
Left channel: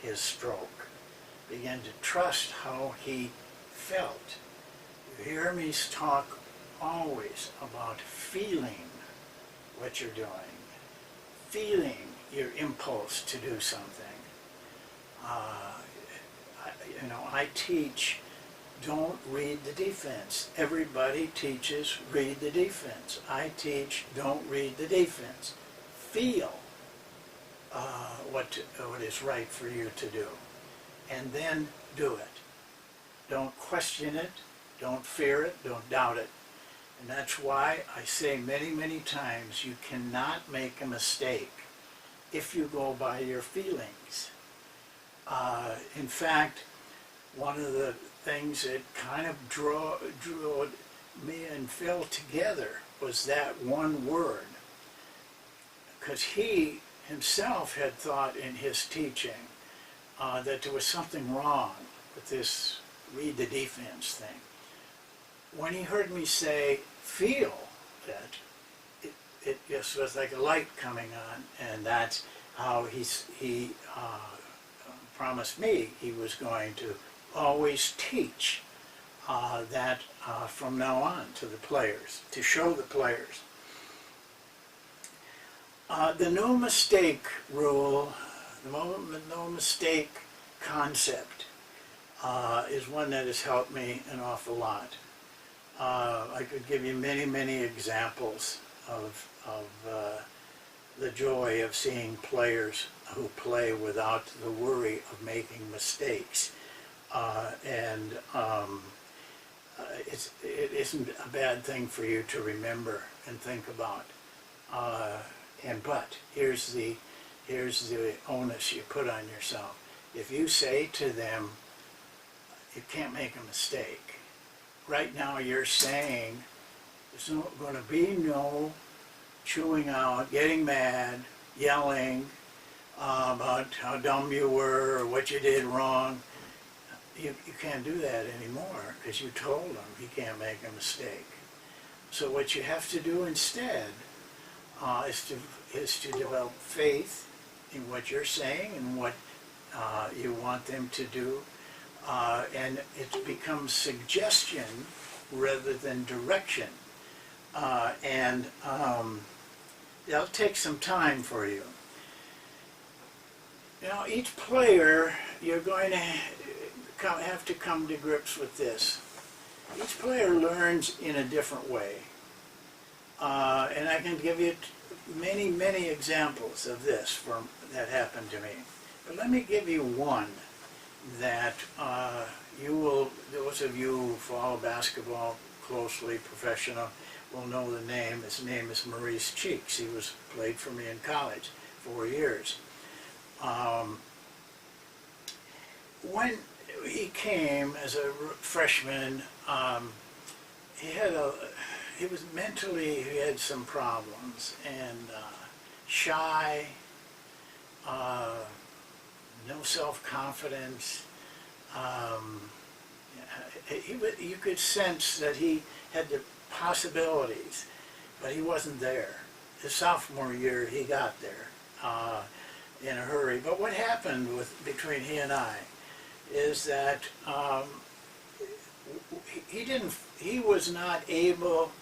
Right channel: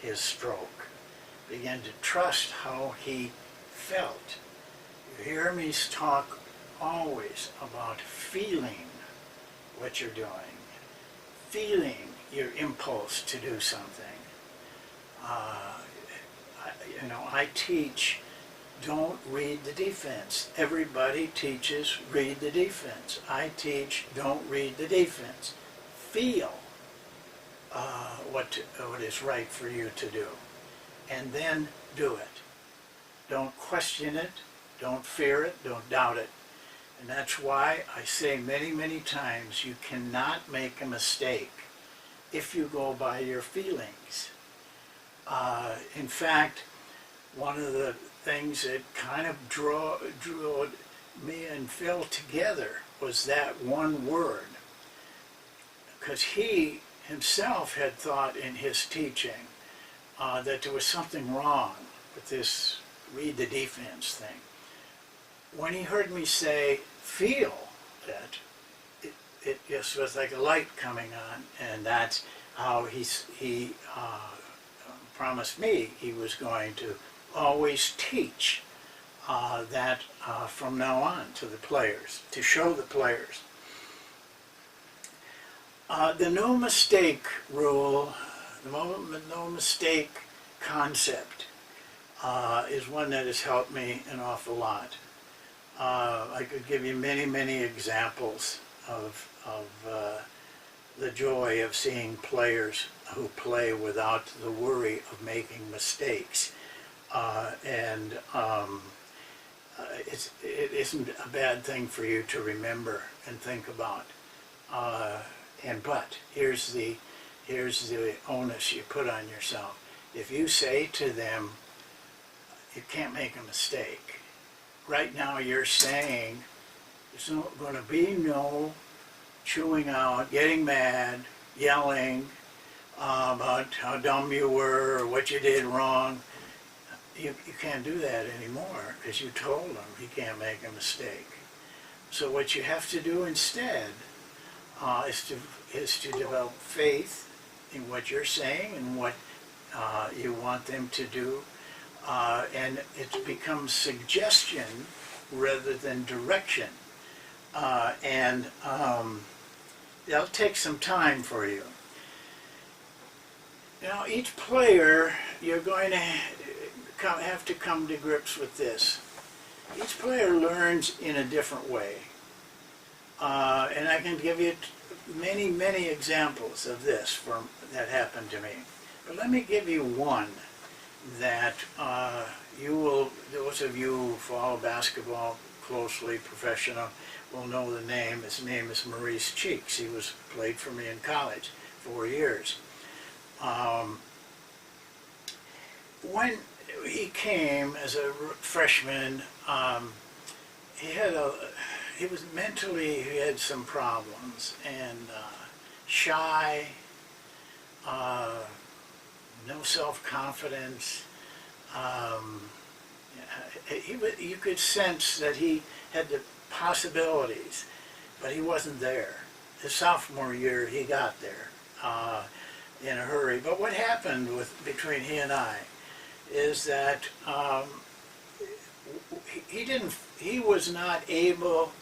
his stroke, began to trust how he felt. You hear me talk always about feeling what you're doing, feeling your impulse to do something. I teach, don't read the defense. Everybody teaches, read the defense. I teach, don't read the defense. Feel what is right for you to do, and then do it. Don't question it, don't fear it, don't doubt it. And that's why I say many, many times, you cannot make a mistake if you go by your feelings. In fact, one of the things that kind of drew me and Phil together was that one word. Because he himself had thought in his teaching that there was something wrong with this read the defense thing. When he heard me say, feel that, it just was like a light coming on, and that's how he promised me he was going to always teach that from now on to the players, to show the players. The no mistake rule, the no mistake concept is one that has helped me an awful lot. I could give you many, many examples of the joy of seeing players who play without the worry of making mistakes. It isn't a bad thing for you to remember and think about. But here's the onus you put on yourself. If you say to them, you can't make a mistake, right now you're saying there's going to be no chewing out, getting mad, yelling about how dumb you were or what you did wrong. You can't do that anymore, because you told them he can't make a mistake. So what you have to do instead is to develop faith in what you're saying and what you want them to do, and it becomes suggestion rather than direction. That'll take some time for you. Now, each player, you're going to have to come to grips with this. Each player learns in a different way. And I can give you many, many examples of this that happened to me. But let me give you one that those of you who follow basketball closely, professional, will know the name. His name is Maurice Cheeks. He played for me in college 4 years. When he came as a freshman, he was mentally, he had some problems, and shy, no self-confidence. You could sense that he had the possibilities, but he wasn't there. His sophomore year, he got there in a hurry. But what happened between he and I is that he was not able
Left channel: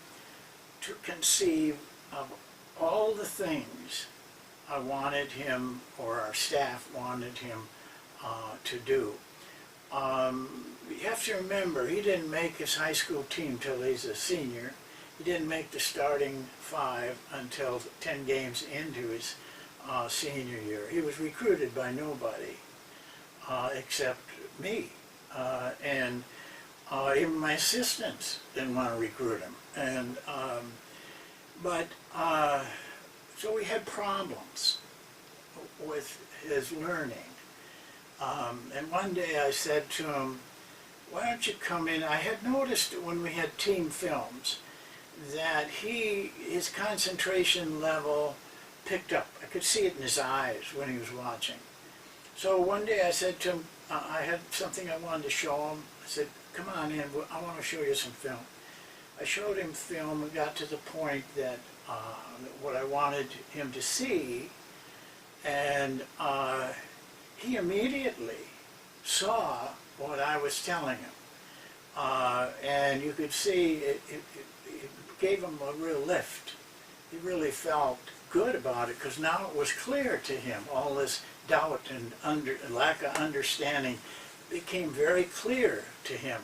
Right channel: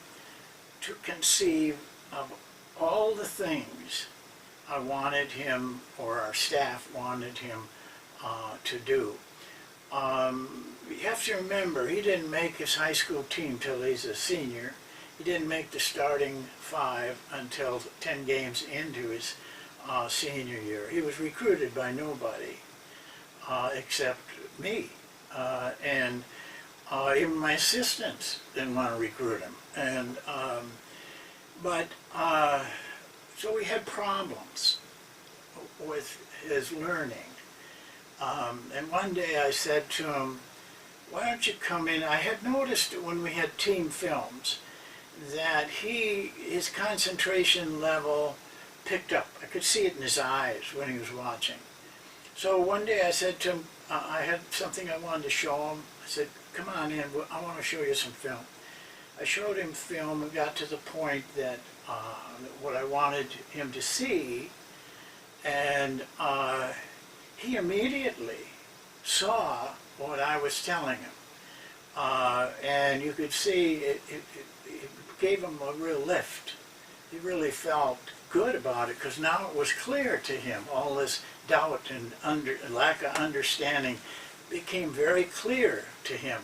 to conceive of all the things I wanted him, or our staff wanted him to do. You have to remember, he didn't make his high school team till he's a senior. he didn't make the starting 5 until 10 games into his senior year. He was recruited by nobody except me. And even my assistants didn't want to recruit him. And, so we had problems with his learning. And one day I said to him, why don't you come in? I had noticed when we had team films that his concentration level picked up. I could see it in his eyes when he was watching. So one day I said to him, I had something I wanted to show him. I said, come on in, I want to show you some film. I showed him film and got to the point that what I wanted him to see, and he immediately saw what I was telling him. And you could see it gave him a real lift. He really felt good about it because now it was clear to him. All this doubt and lack of understanding became very clear to him.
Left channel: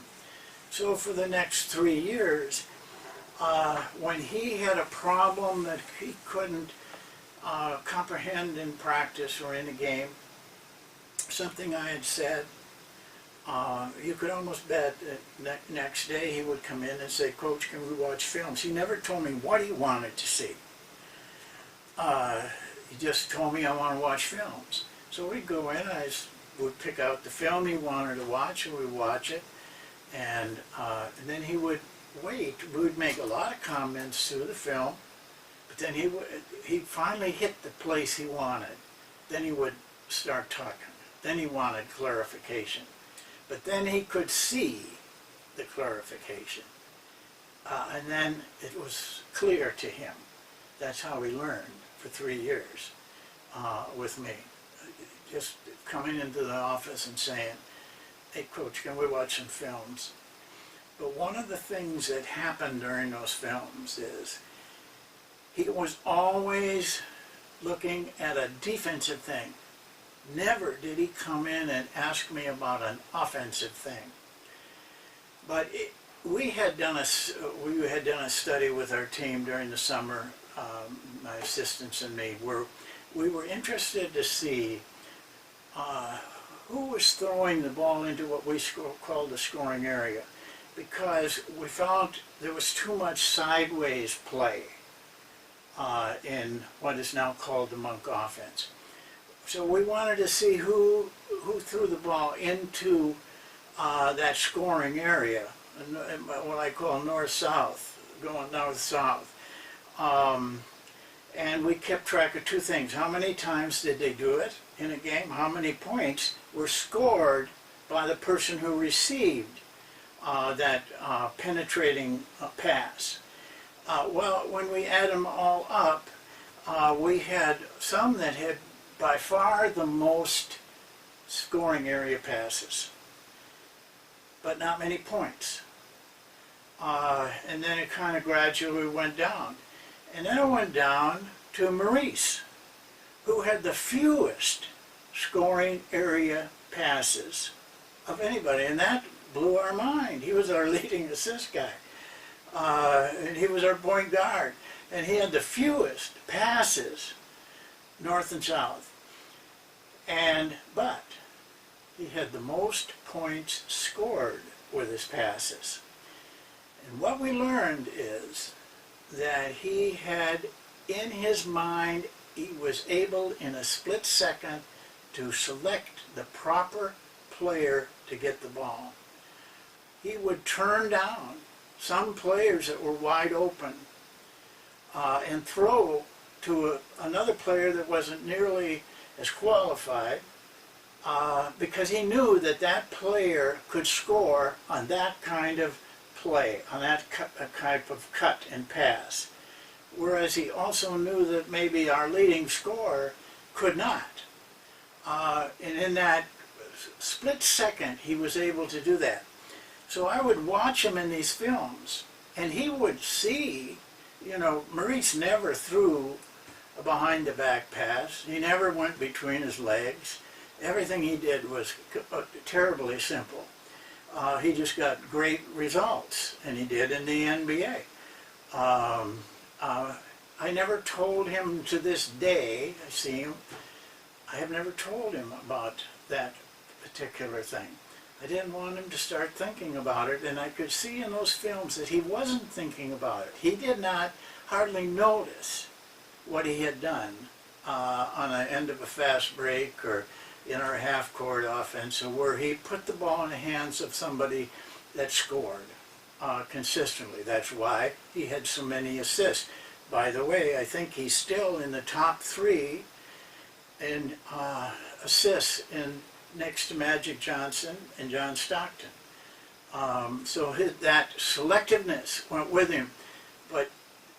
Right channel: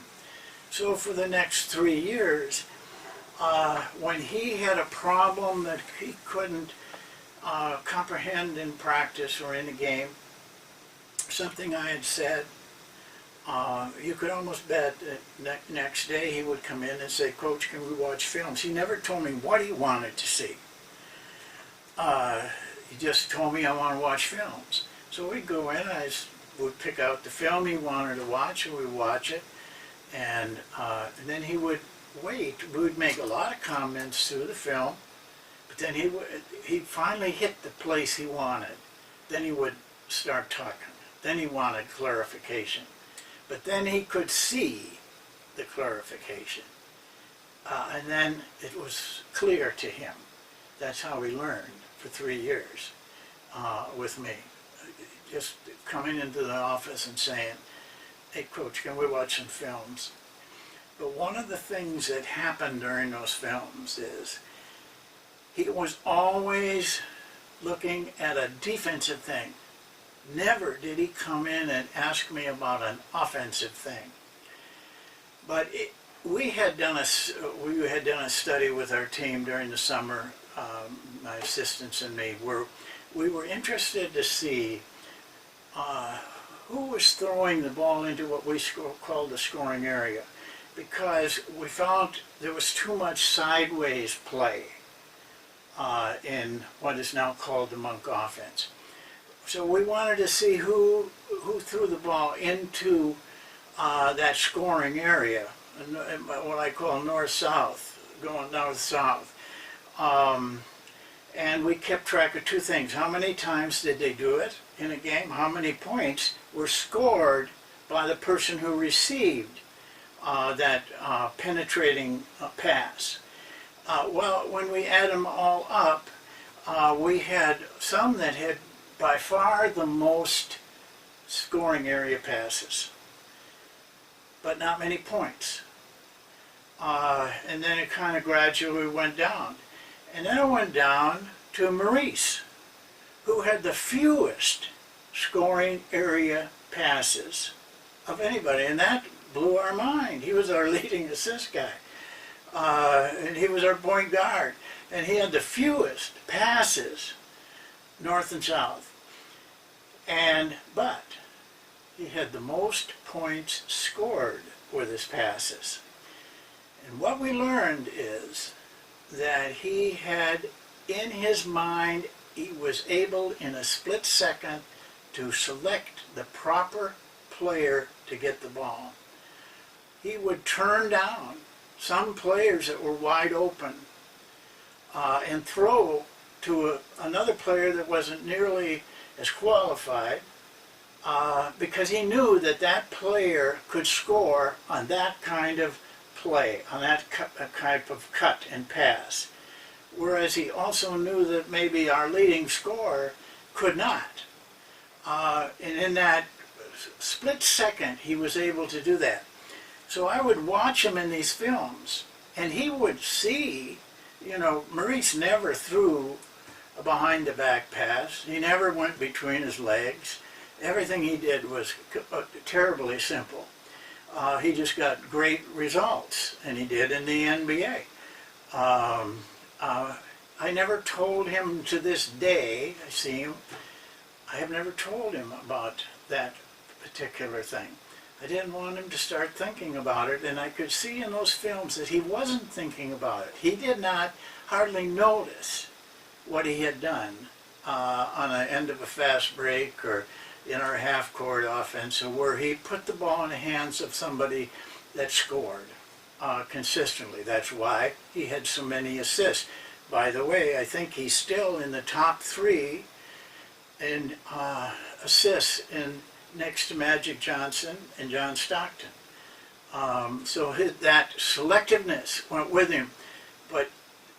So for the next 3 years, when he had a problem that he couldn't comprehend in practice or in a game, something I had said, you could almost bet that next day he would come in and say, Coach, can we watch films? He never told me what he wanted to see. He just told me I want to watch films. So we'd go in, I would pick out the film he wanted to watch, and we'd watch it. And then he would wait. We would make a lot of comments through the film, but then he'd finally hit the place he wanted. Then he would start talking. Then he wanted clarification. But then he could see the clarification. And then it was clear to him. That's how he learned for 3 years with me. Just coming into the office and saying, hey, Coach, can we watch some films? But one of the things that happened during those films is he was always looking at a defensive thing. Never did he come in and ask me about an offensive thing. But we had done a study with our team during the summer, my assistants and me, where we were interested to see who was throwing the ball into what we called the scoring area, because we found there was too much sideways play in what is now called the Monk offense. So we wanted to see who threw the ball into that scoring area, what I call north-south, going north-south. And we kept track of two things. How many times did they do it in a game? How many points were scored by the person who received that penetrating pass? Well, when we add them all up, we had some that had by far the most scoring area passes, but not many points. And then it kind of gradually went down. And then it went down to Maurice, who had the fewest scoring area passes of anybody, and that blew our mind. He was our leading assist guy, and he was our point guard, and he had the fewest passes, north and south. But he had the most points scored with his passes. And what we learned is that he had in his mind, he was able in a split second to select the proper player to get the ball. He would turn down some players that were wide open and throw to another player that wasn't nearly as qualified because he knew that that player could score on that kind of play, on that type of cut and pass. Whereas he also knew that maybe our leading scorer could not. And in that split second, he was able to do that. So I would watch him in these films, and he would see, Maurice never threw a behind-the-back pass. He never went between his legs. Everything he did was terribly simple. He just got great results, and he did in the NBA. Um, I never told him to this day, I see him, I have never told him about that particular thing. I didn't want him to start thinking about it, and I could see in those films that he wasn't thinking about it. He did not hardly notice what he had done on the end of a fast break or in our half-court offense, where he put the ball in the hands of somebody that scored consistently. That's why he had so many assists. By the way, I think he's still in the top 3 in assists next to Magic Johnson and John Stockton. So that selectiveness went with him, but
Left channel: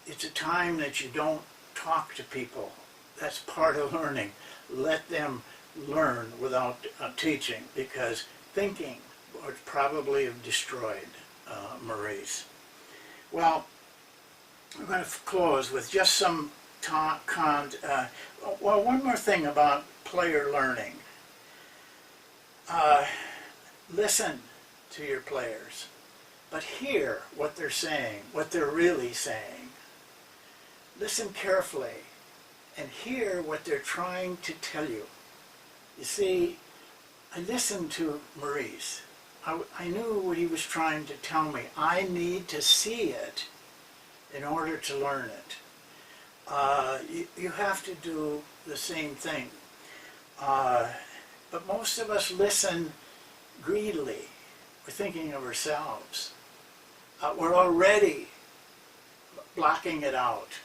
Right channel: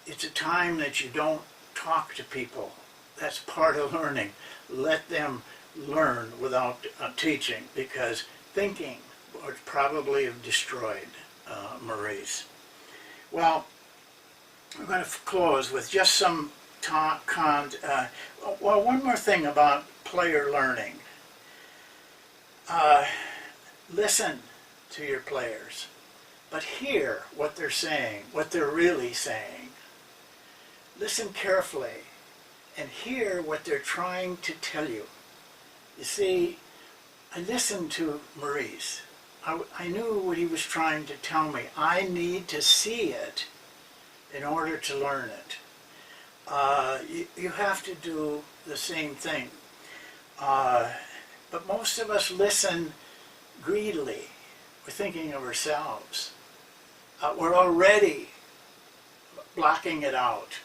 it's a time that you don't talk to people. That's part of learning. Let them learn without teaching, because thinking would probably have destroyed Maurice. Well, we're going to close with just some one more thing about player learning. Listen to your players, but hear what they're saying, what they're really saying. Listen carefully and hear what they're trying to tell you. You see, I listened to Maurice. I knew what he was trying to tell me. I need to see it in order to learn it. You have to do the same thing. But most of us listen greedily. We're thinking of ourselves. We're already blocking it out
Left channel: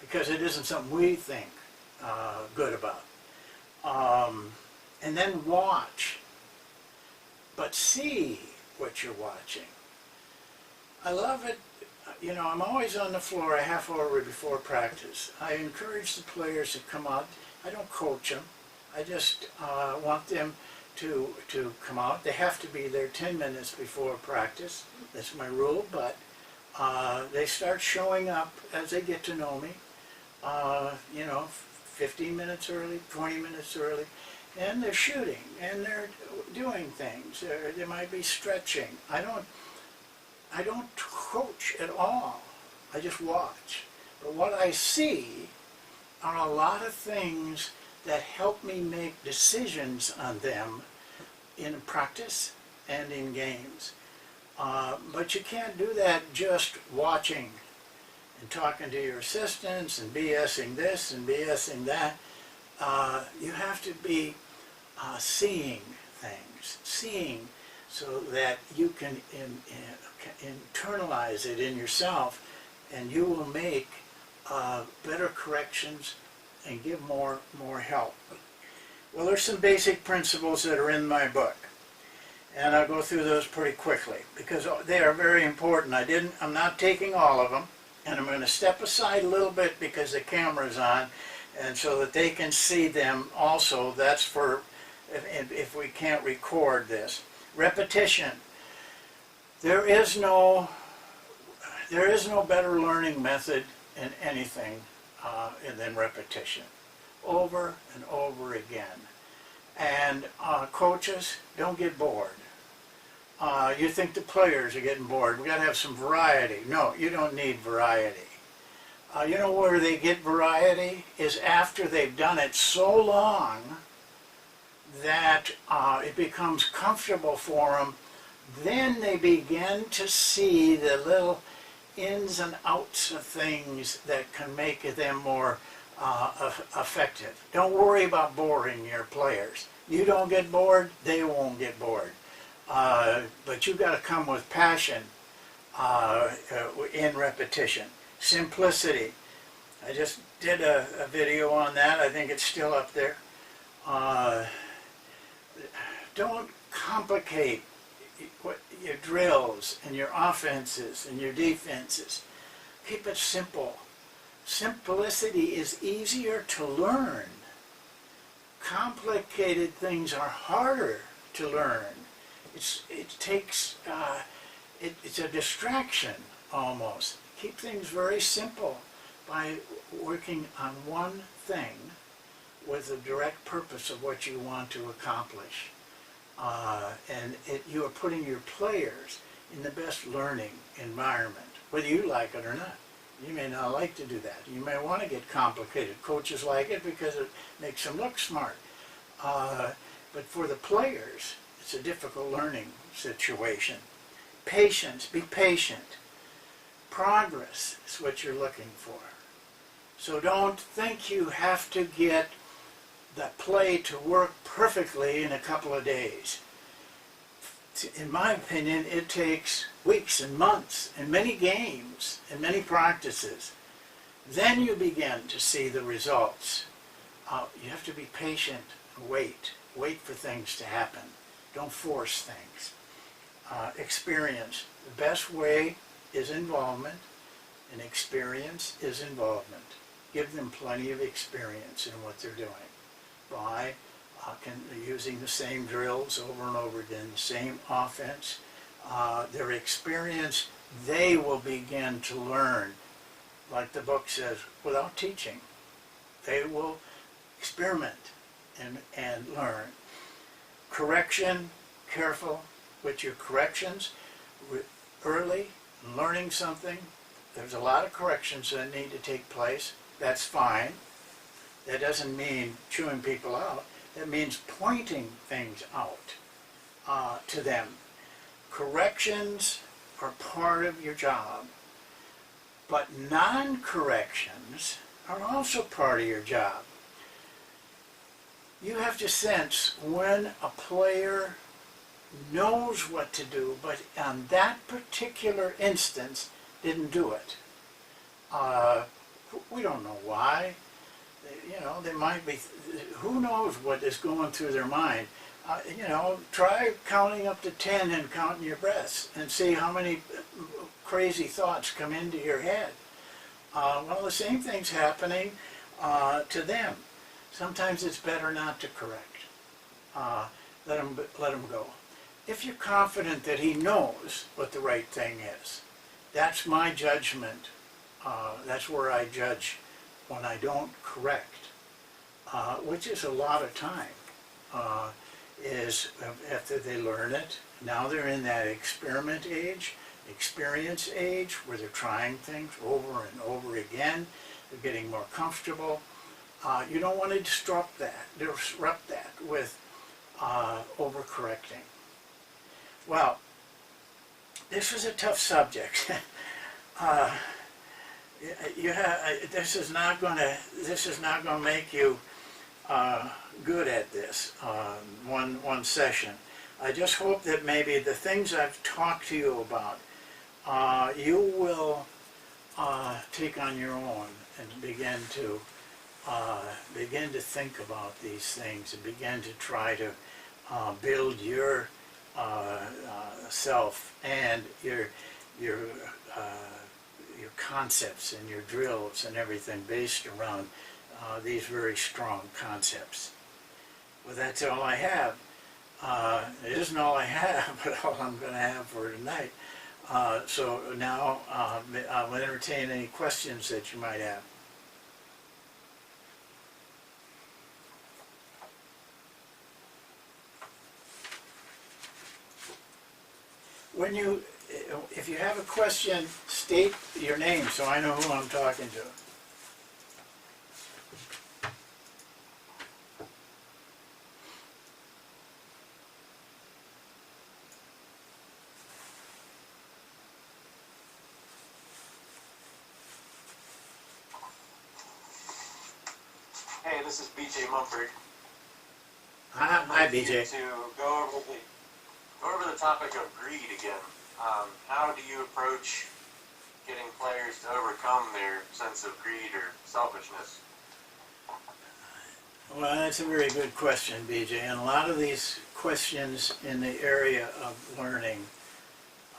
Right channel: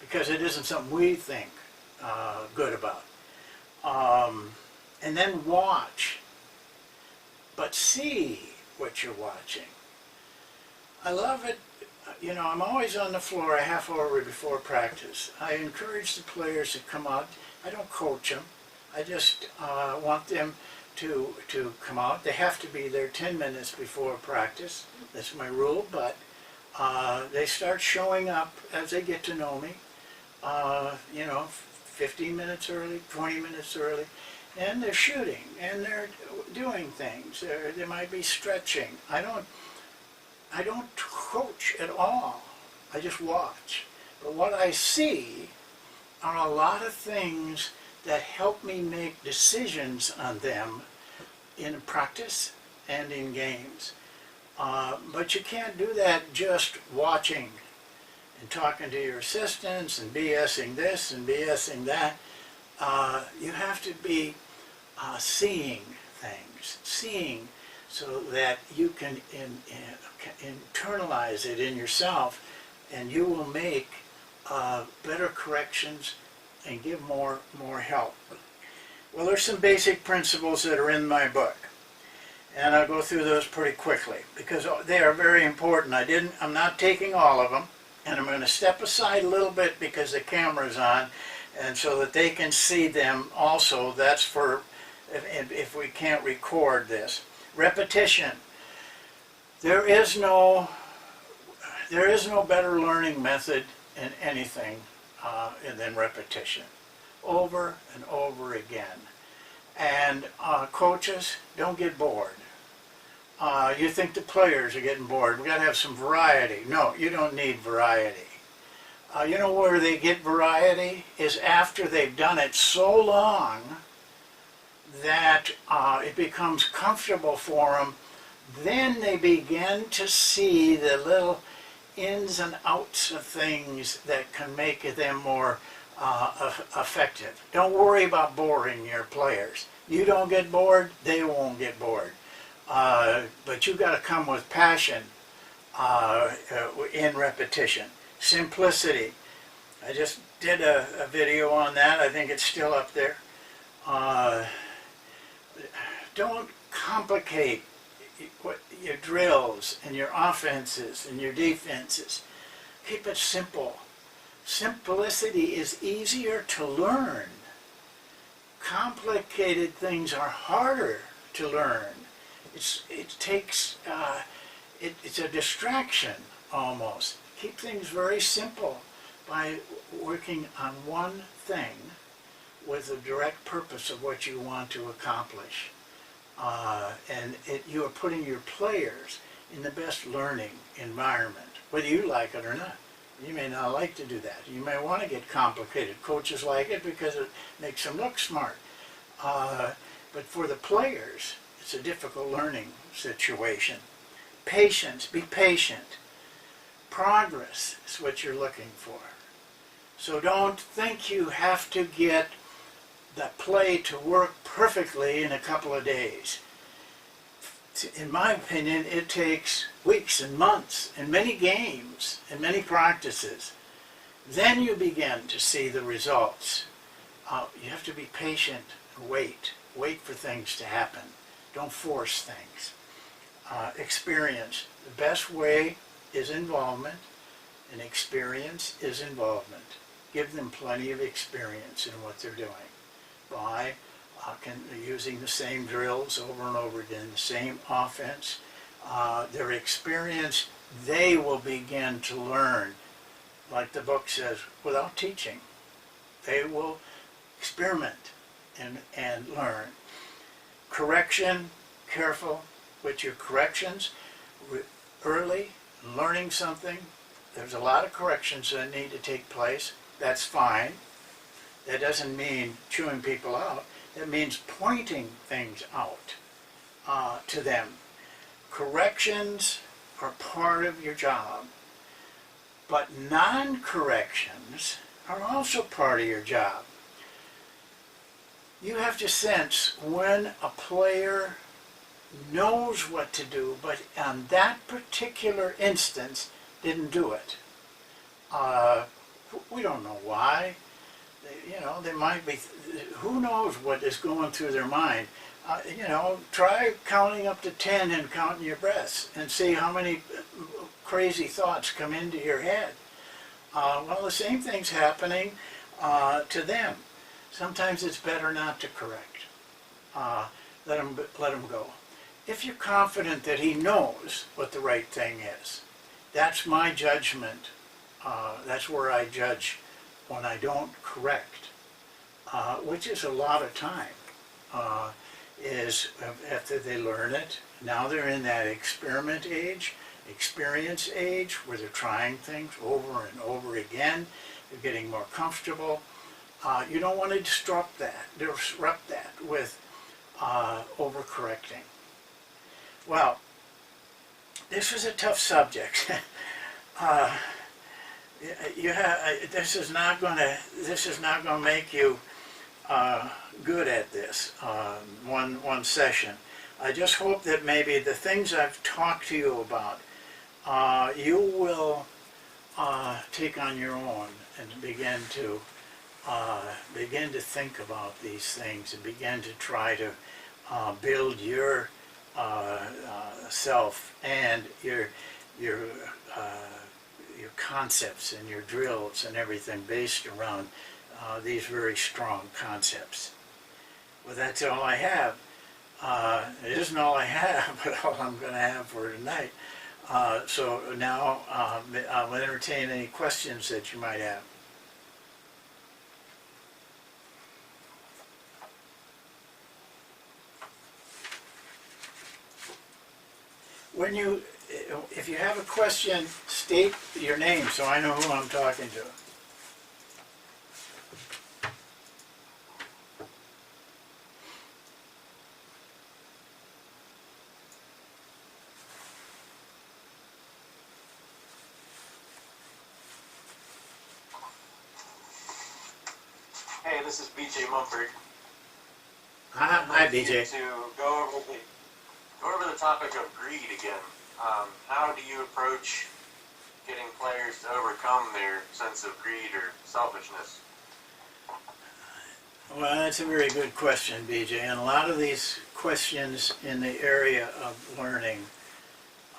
because it isn't something we think good about. And then watch, but see what you're watching. I love it. You know, I'm always on the floor a half hour before practice. I encourage the players to come out. I don't coach them. I just want them to come out. They have to be there 10 minutes before practice. That's my rule, but they start showing up as they get to know me. You know, 15 minutes early, 20 minutes early, and they're shooting, and they're doing things. They might be stretching. I don't coach at all. I just watch. But what I see are a lot of things that help me make decisions on them in practice and in games. But you can't do that just watching and talking to your assistants and BSing this and BSing that. You have to be seeing things, seeing so that you can internalize it in yourself, and you will make better corrections and give more help. Well, there's some basic principles that are in my book, and I'll go through those pretty quickly because they are very important. I'm not taking all of them, and I'm going to step aside a little bit because the camera's on, and so that they can see them also. That's for if we can't record this. Repetition. There is no better learning method in anything than repetition, over and over again. And coaches, don't get bored. You think the players are getting bored. We've got to have some variety. No, you don't need variety. You know where they get variety is after they've done it so long that it becomes comfortable for them. Then they begin to see the little ins and outs of things that can make them more effective. Don't worry about boring your players. You don't get bored, they won't get bored. But you've got to come with passion in repetition. Simplicity. I just did a video on that. I think it's still up there. Don't complicate your drills and your offenses and your defenses. Keep it simple. Simplicity is easier to learn. Complicated things are harder to learn. It's a distraction almost. Keep things very simple by working on one thing with the direct purpose of what you want to accomplish. You are putting your players in the best learning environment, whether you like it or not. You may not like to do that. You may want to get complicated. Coaches like it because it makes them look smart. But for the players, it's a difficult learning situation. Patience, be patient. Progress is what you're looking for. So don't think you have to get the play to work perfectly in a couple of days. In my opinion, it takes weeks and months and many games and many practices. Then you begin to see the results. You have to be patient and wait. Wait for things to happen. Don't force things. Experience. The best way is involvement, and experience is involvement. Give them plenty of experience in what they're doing by using the same drills over and over again, the same offense. Their experience, they will begin to learn, like the book says, without teaching. They will experiment and learn. Correction, careful with your corrections. Early, learning something, there's a lot of corrections that need to take place. That's fine. That doesn't mean chewing people out. That means pointing things out to them. Corrections are part of your job, but non-corrections are also part of your job. You have to sense when a player knows what to do, but on that particular instance didn't do it. We don't know why. They might be, who knows what is going through their mind. Try counting up to 10 and counting your breaths and see how many crazy thoughts come into your head. Well, the same thing's happening to them. Sometimes it's better not to correct. Let him go. If you're confident that he knows what the right thing is, that's my judgment. That's where I judge when I don't correct, which is a lot of time, is after they learn it. Now they're in that experience age, where they're trying things over and over again. They're getting more comfortable. You don't want to disrupt that with overcorrecting. Well, this is a tough subject. This is not going to make you good at this one session. I just hope that maybe the things I've talked to you about, you will take on your own and begin to think about these things and begin to try to build your self and your concepts and your drills and everything based around these very strong concepts. Well, that's all I have. It isn't all I have, but all I'm going to have for tonight. So now I'll entertain any questions that you might have. If you have a question, state your name so I know who I'm talking to. Hey, this is BJ Mumford. Hi, BJ. To go over the topic of greed again. How do you approach getting players to overcome their sense of greed or selfishness? Well, that's a very good question, BJ. And a lot of these questions in the area of learning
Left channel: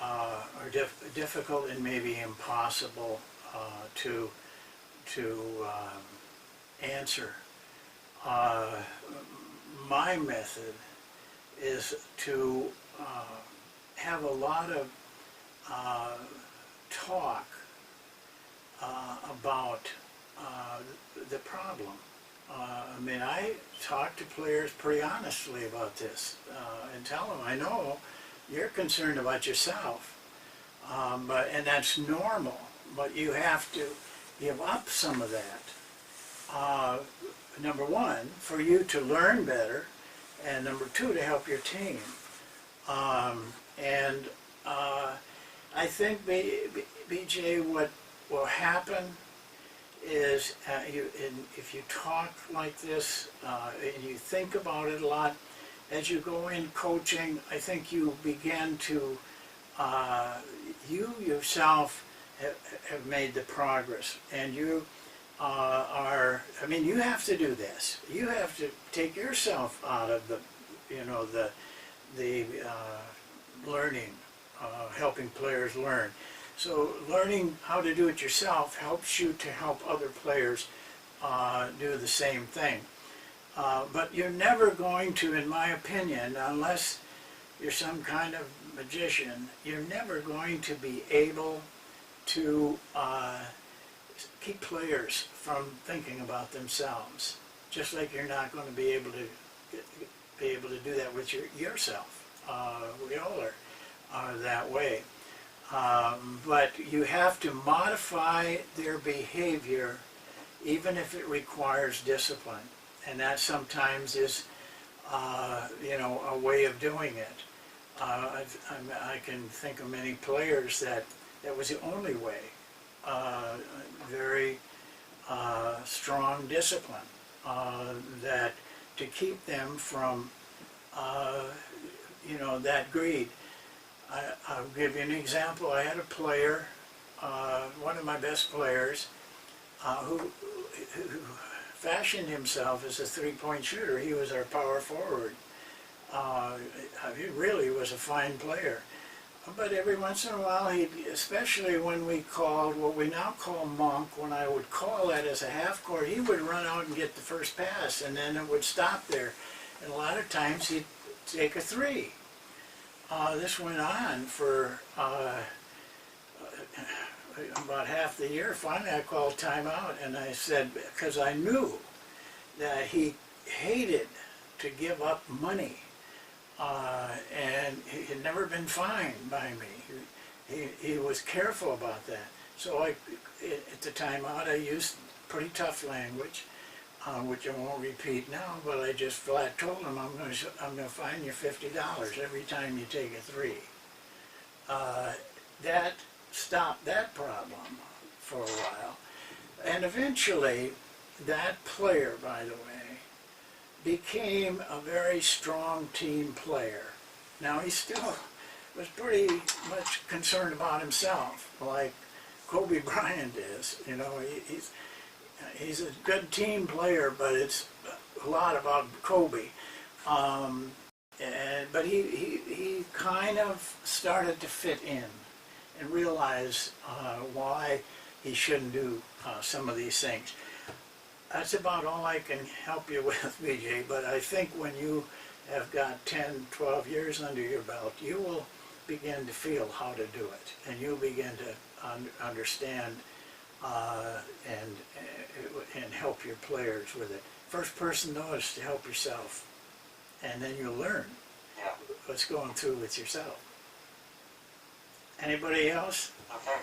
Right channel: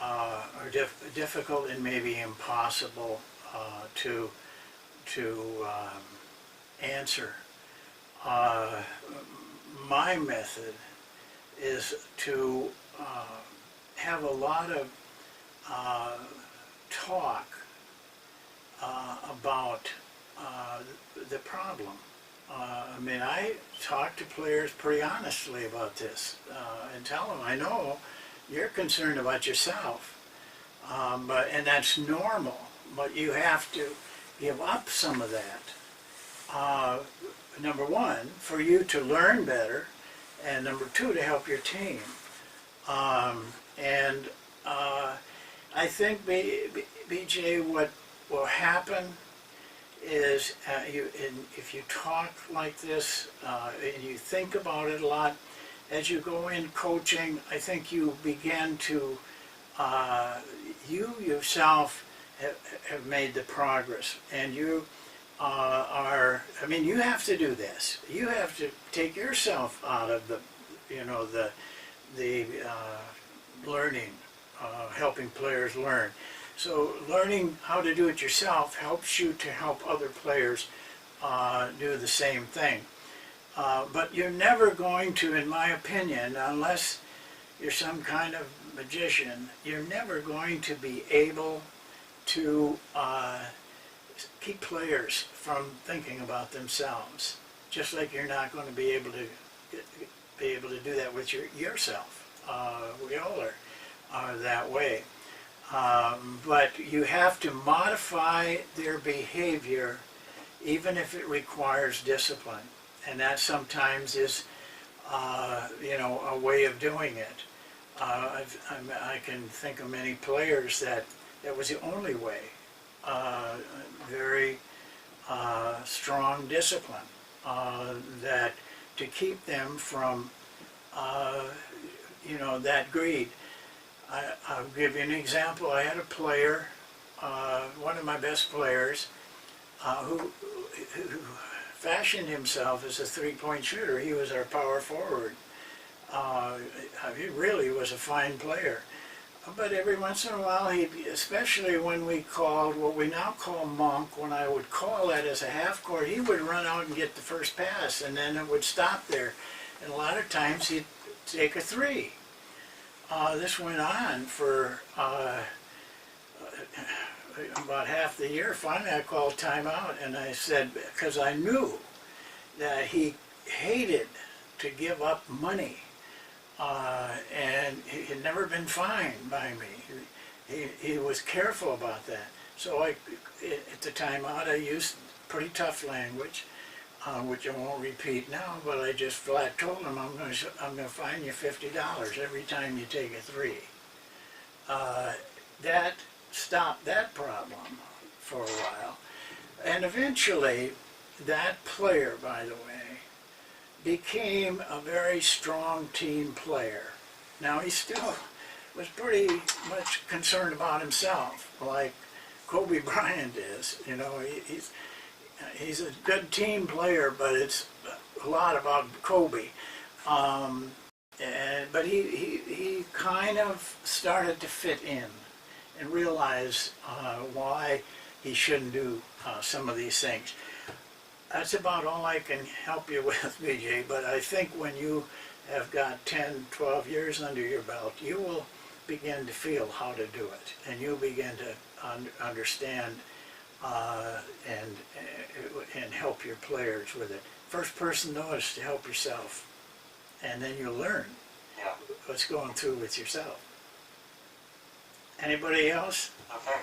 are difficult and maybe impossible to answer. My method is to have a lot of talk about the problem. I talk to players pretty honestly about this and tell them, I know you're concerned about yourself, and that's normal. but you have to give up some of that. Number one, for you to learn better, and number two, to help your team. And I think, BJ, what will happen is if you talk like this and you think about it a lot, as you go in coaching, I think you begin to, you yourself have made the progress, and you you have to do this. You have to take yourself out of the, the learning, helping players learn. So learning how to do it yourself helps you to help other players do the same thing. But you're never going to, in my opinion, unless you're some kind of magician, you're never going to be able to keep players from thinking about themselves. Just like you're not going to be able to do that with yourself. We all are that way. But you have to modify their behavior, even if it requires discipline. And that sometimes is, a way of doing it. I can think of many players that was the only way. Very strong discipline that to keep them from, that greed. I'll give you an example. I had a player, one of my best players, who fashioned himself as a three-point shooter. He was our power forward. He really was a fine player. But every once in a while, especially when we called what we now call monk, when I would call that as a half court, he would run out and get the first pass, and then it would stop there. And a lot of times he'd take a three. This went on for about half the year. Finally, I called timeout, and I said, because I knew that he hated to give up money. And he had never been fined by me. He was careful about that. So at the timeout, I used pretty tough language, which I won't repeat now, but I just flat told him, I'm going to fine you $50 every time you take a three. That stopped that problem for a while. And eventually, that player, by the way, became a very strong team player. Now, he still was pretty much concerned about himself, like Kobe Bryant is. He's a good team player, but it's a lot about Kobe. But he kind of started to fit in and realize why he shouldn't do some of these things. That's about all I can help you with, BJ, but I think when you have got 10, 12 years under your belt, you will begin to feel how to do it, and you'll begin to understand and help your players with it. First person, though, is to help yourself, and then you'll learn what's going through with yourself. Anybody else? Okay.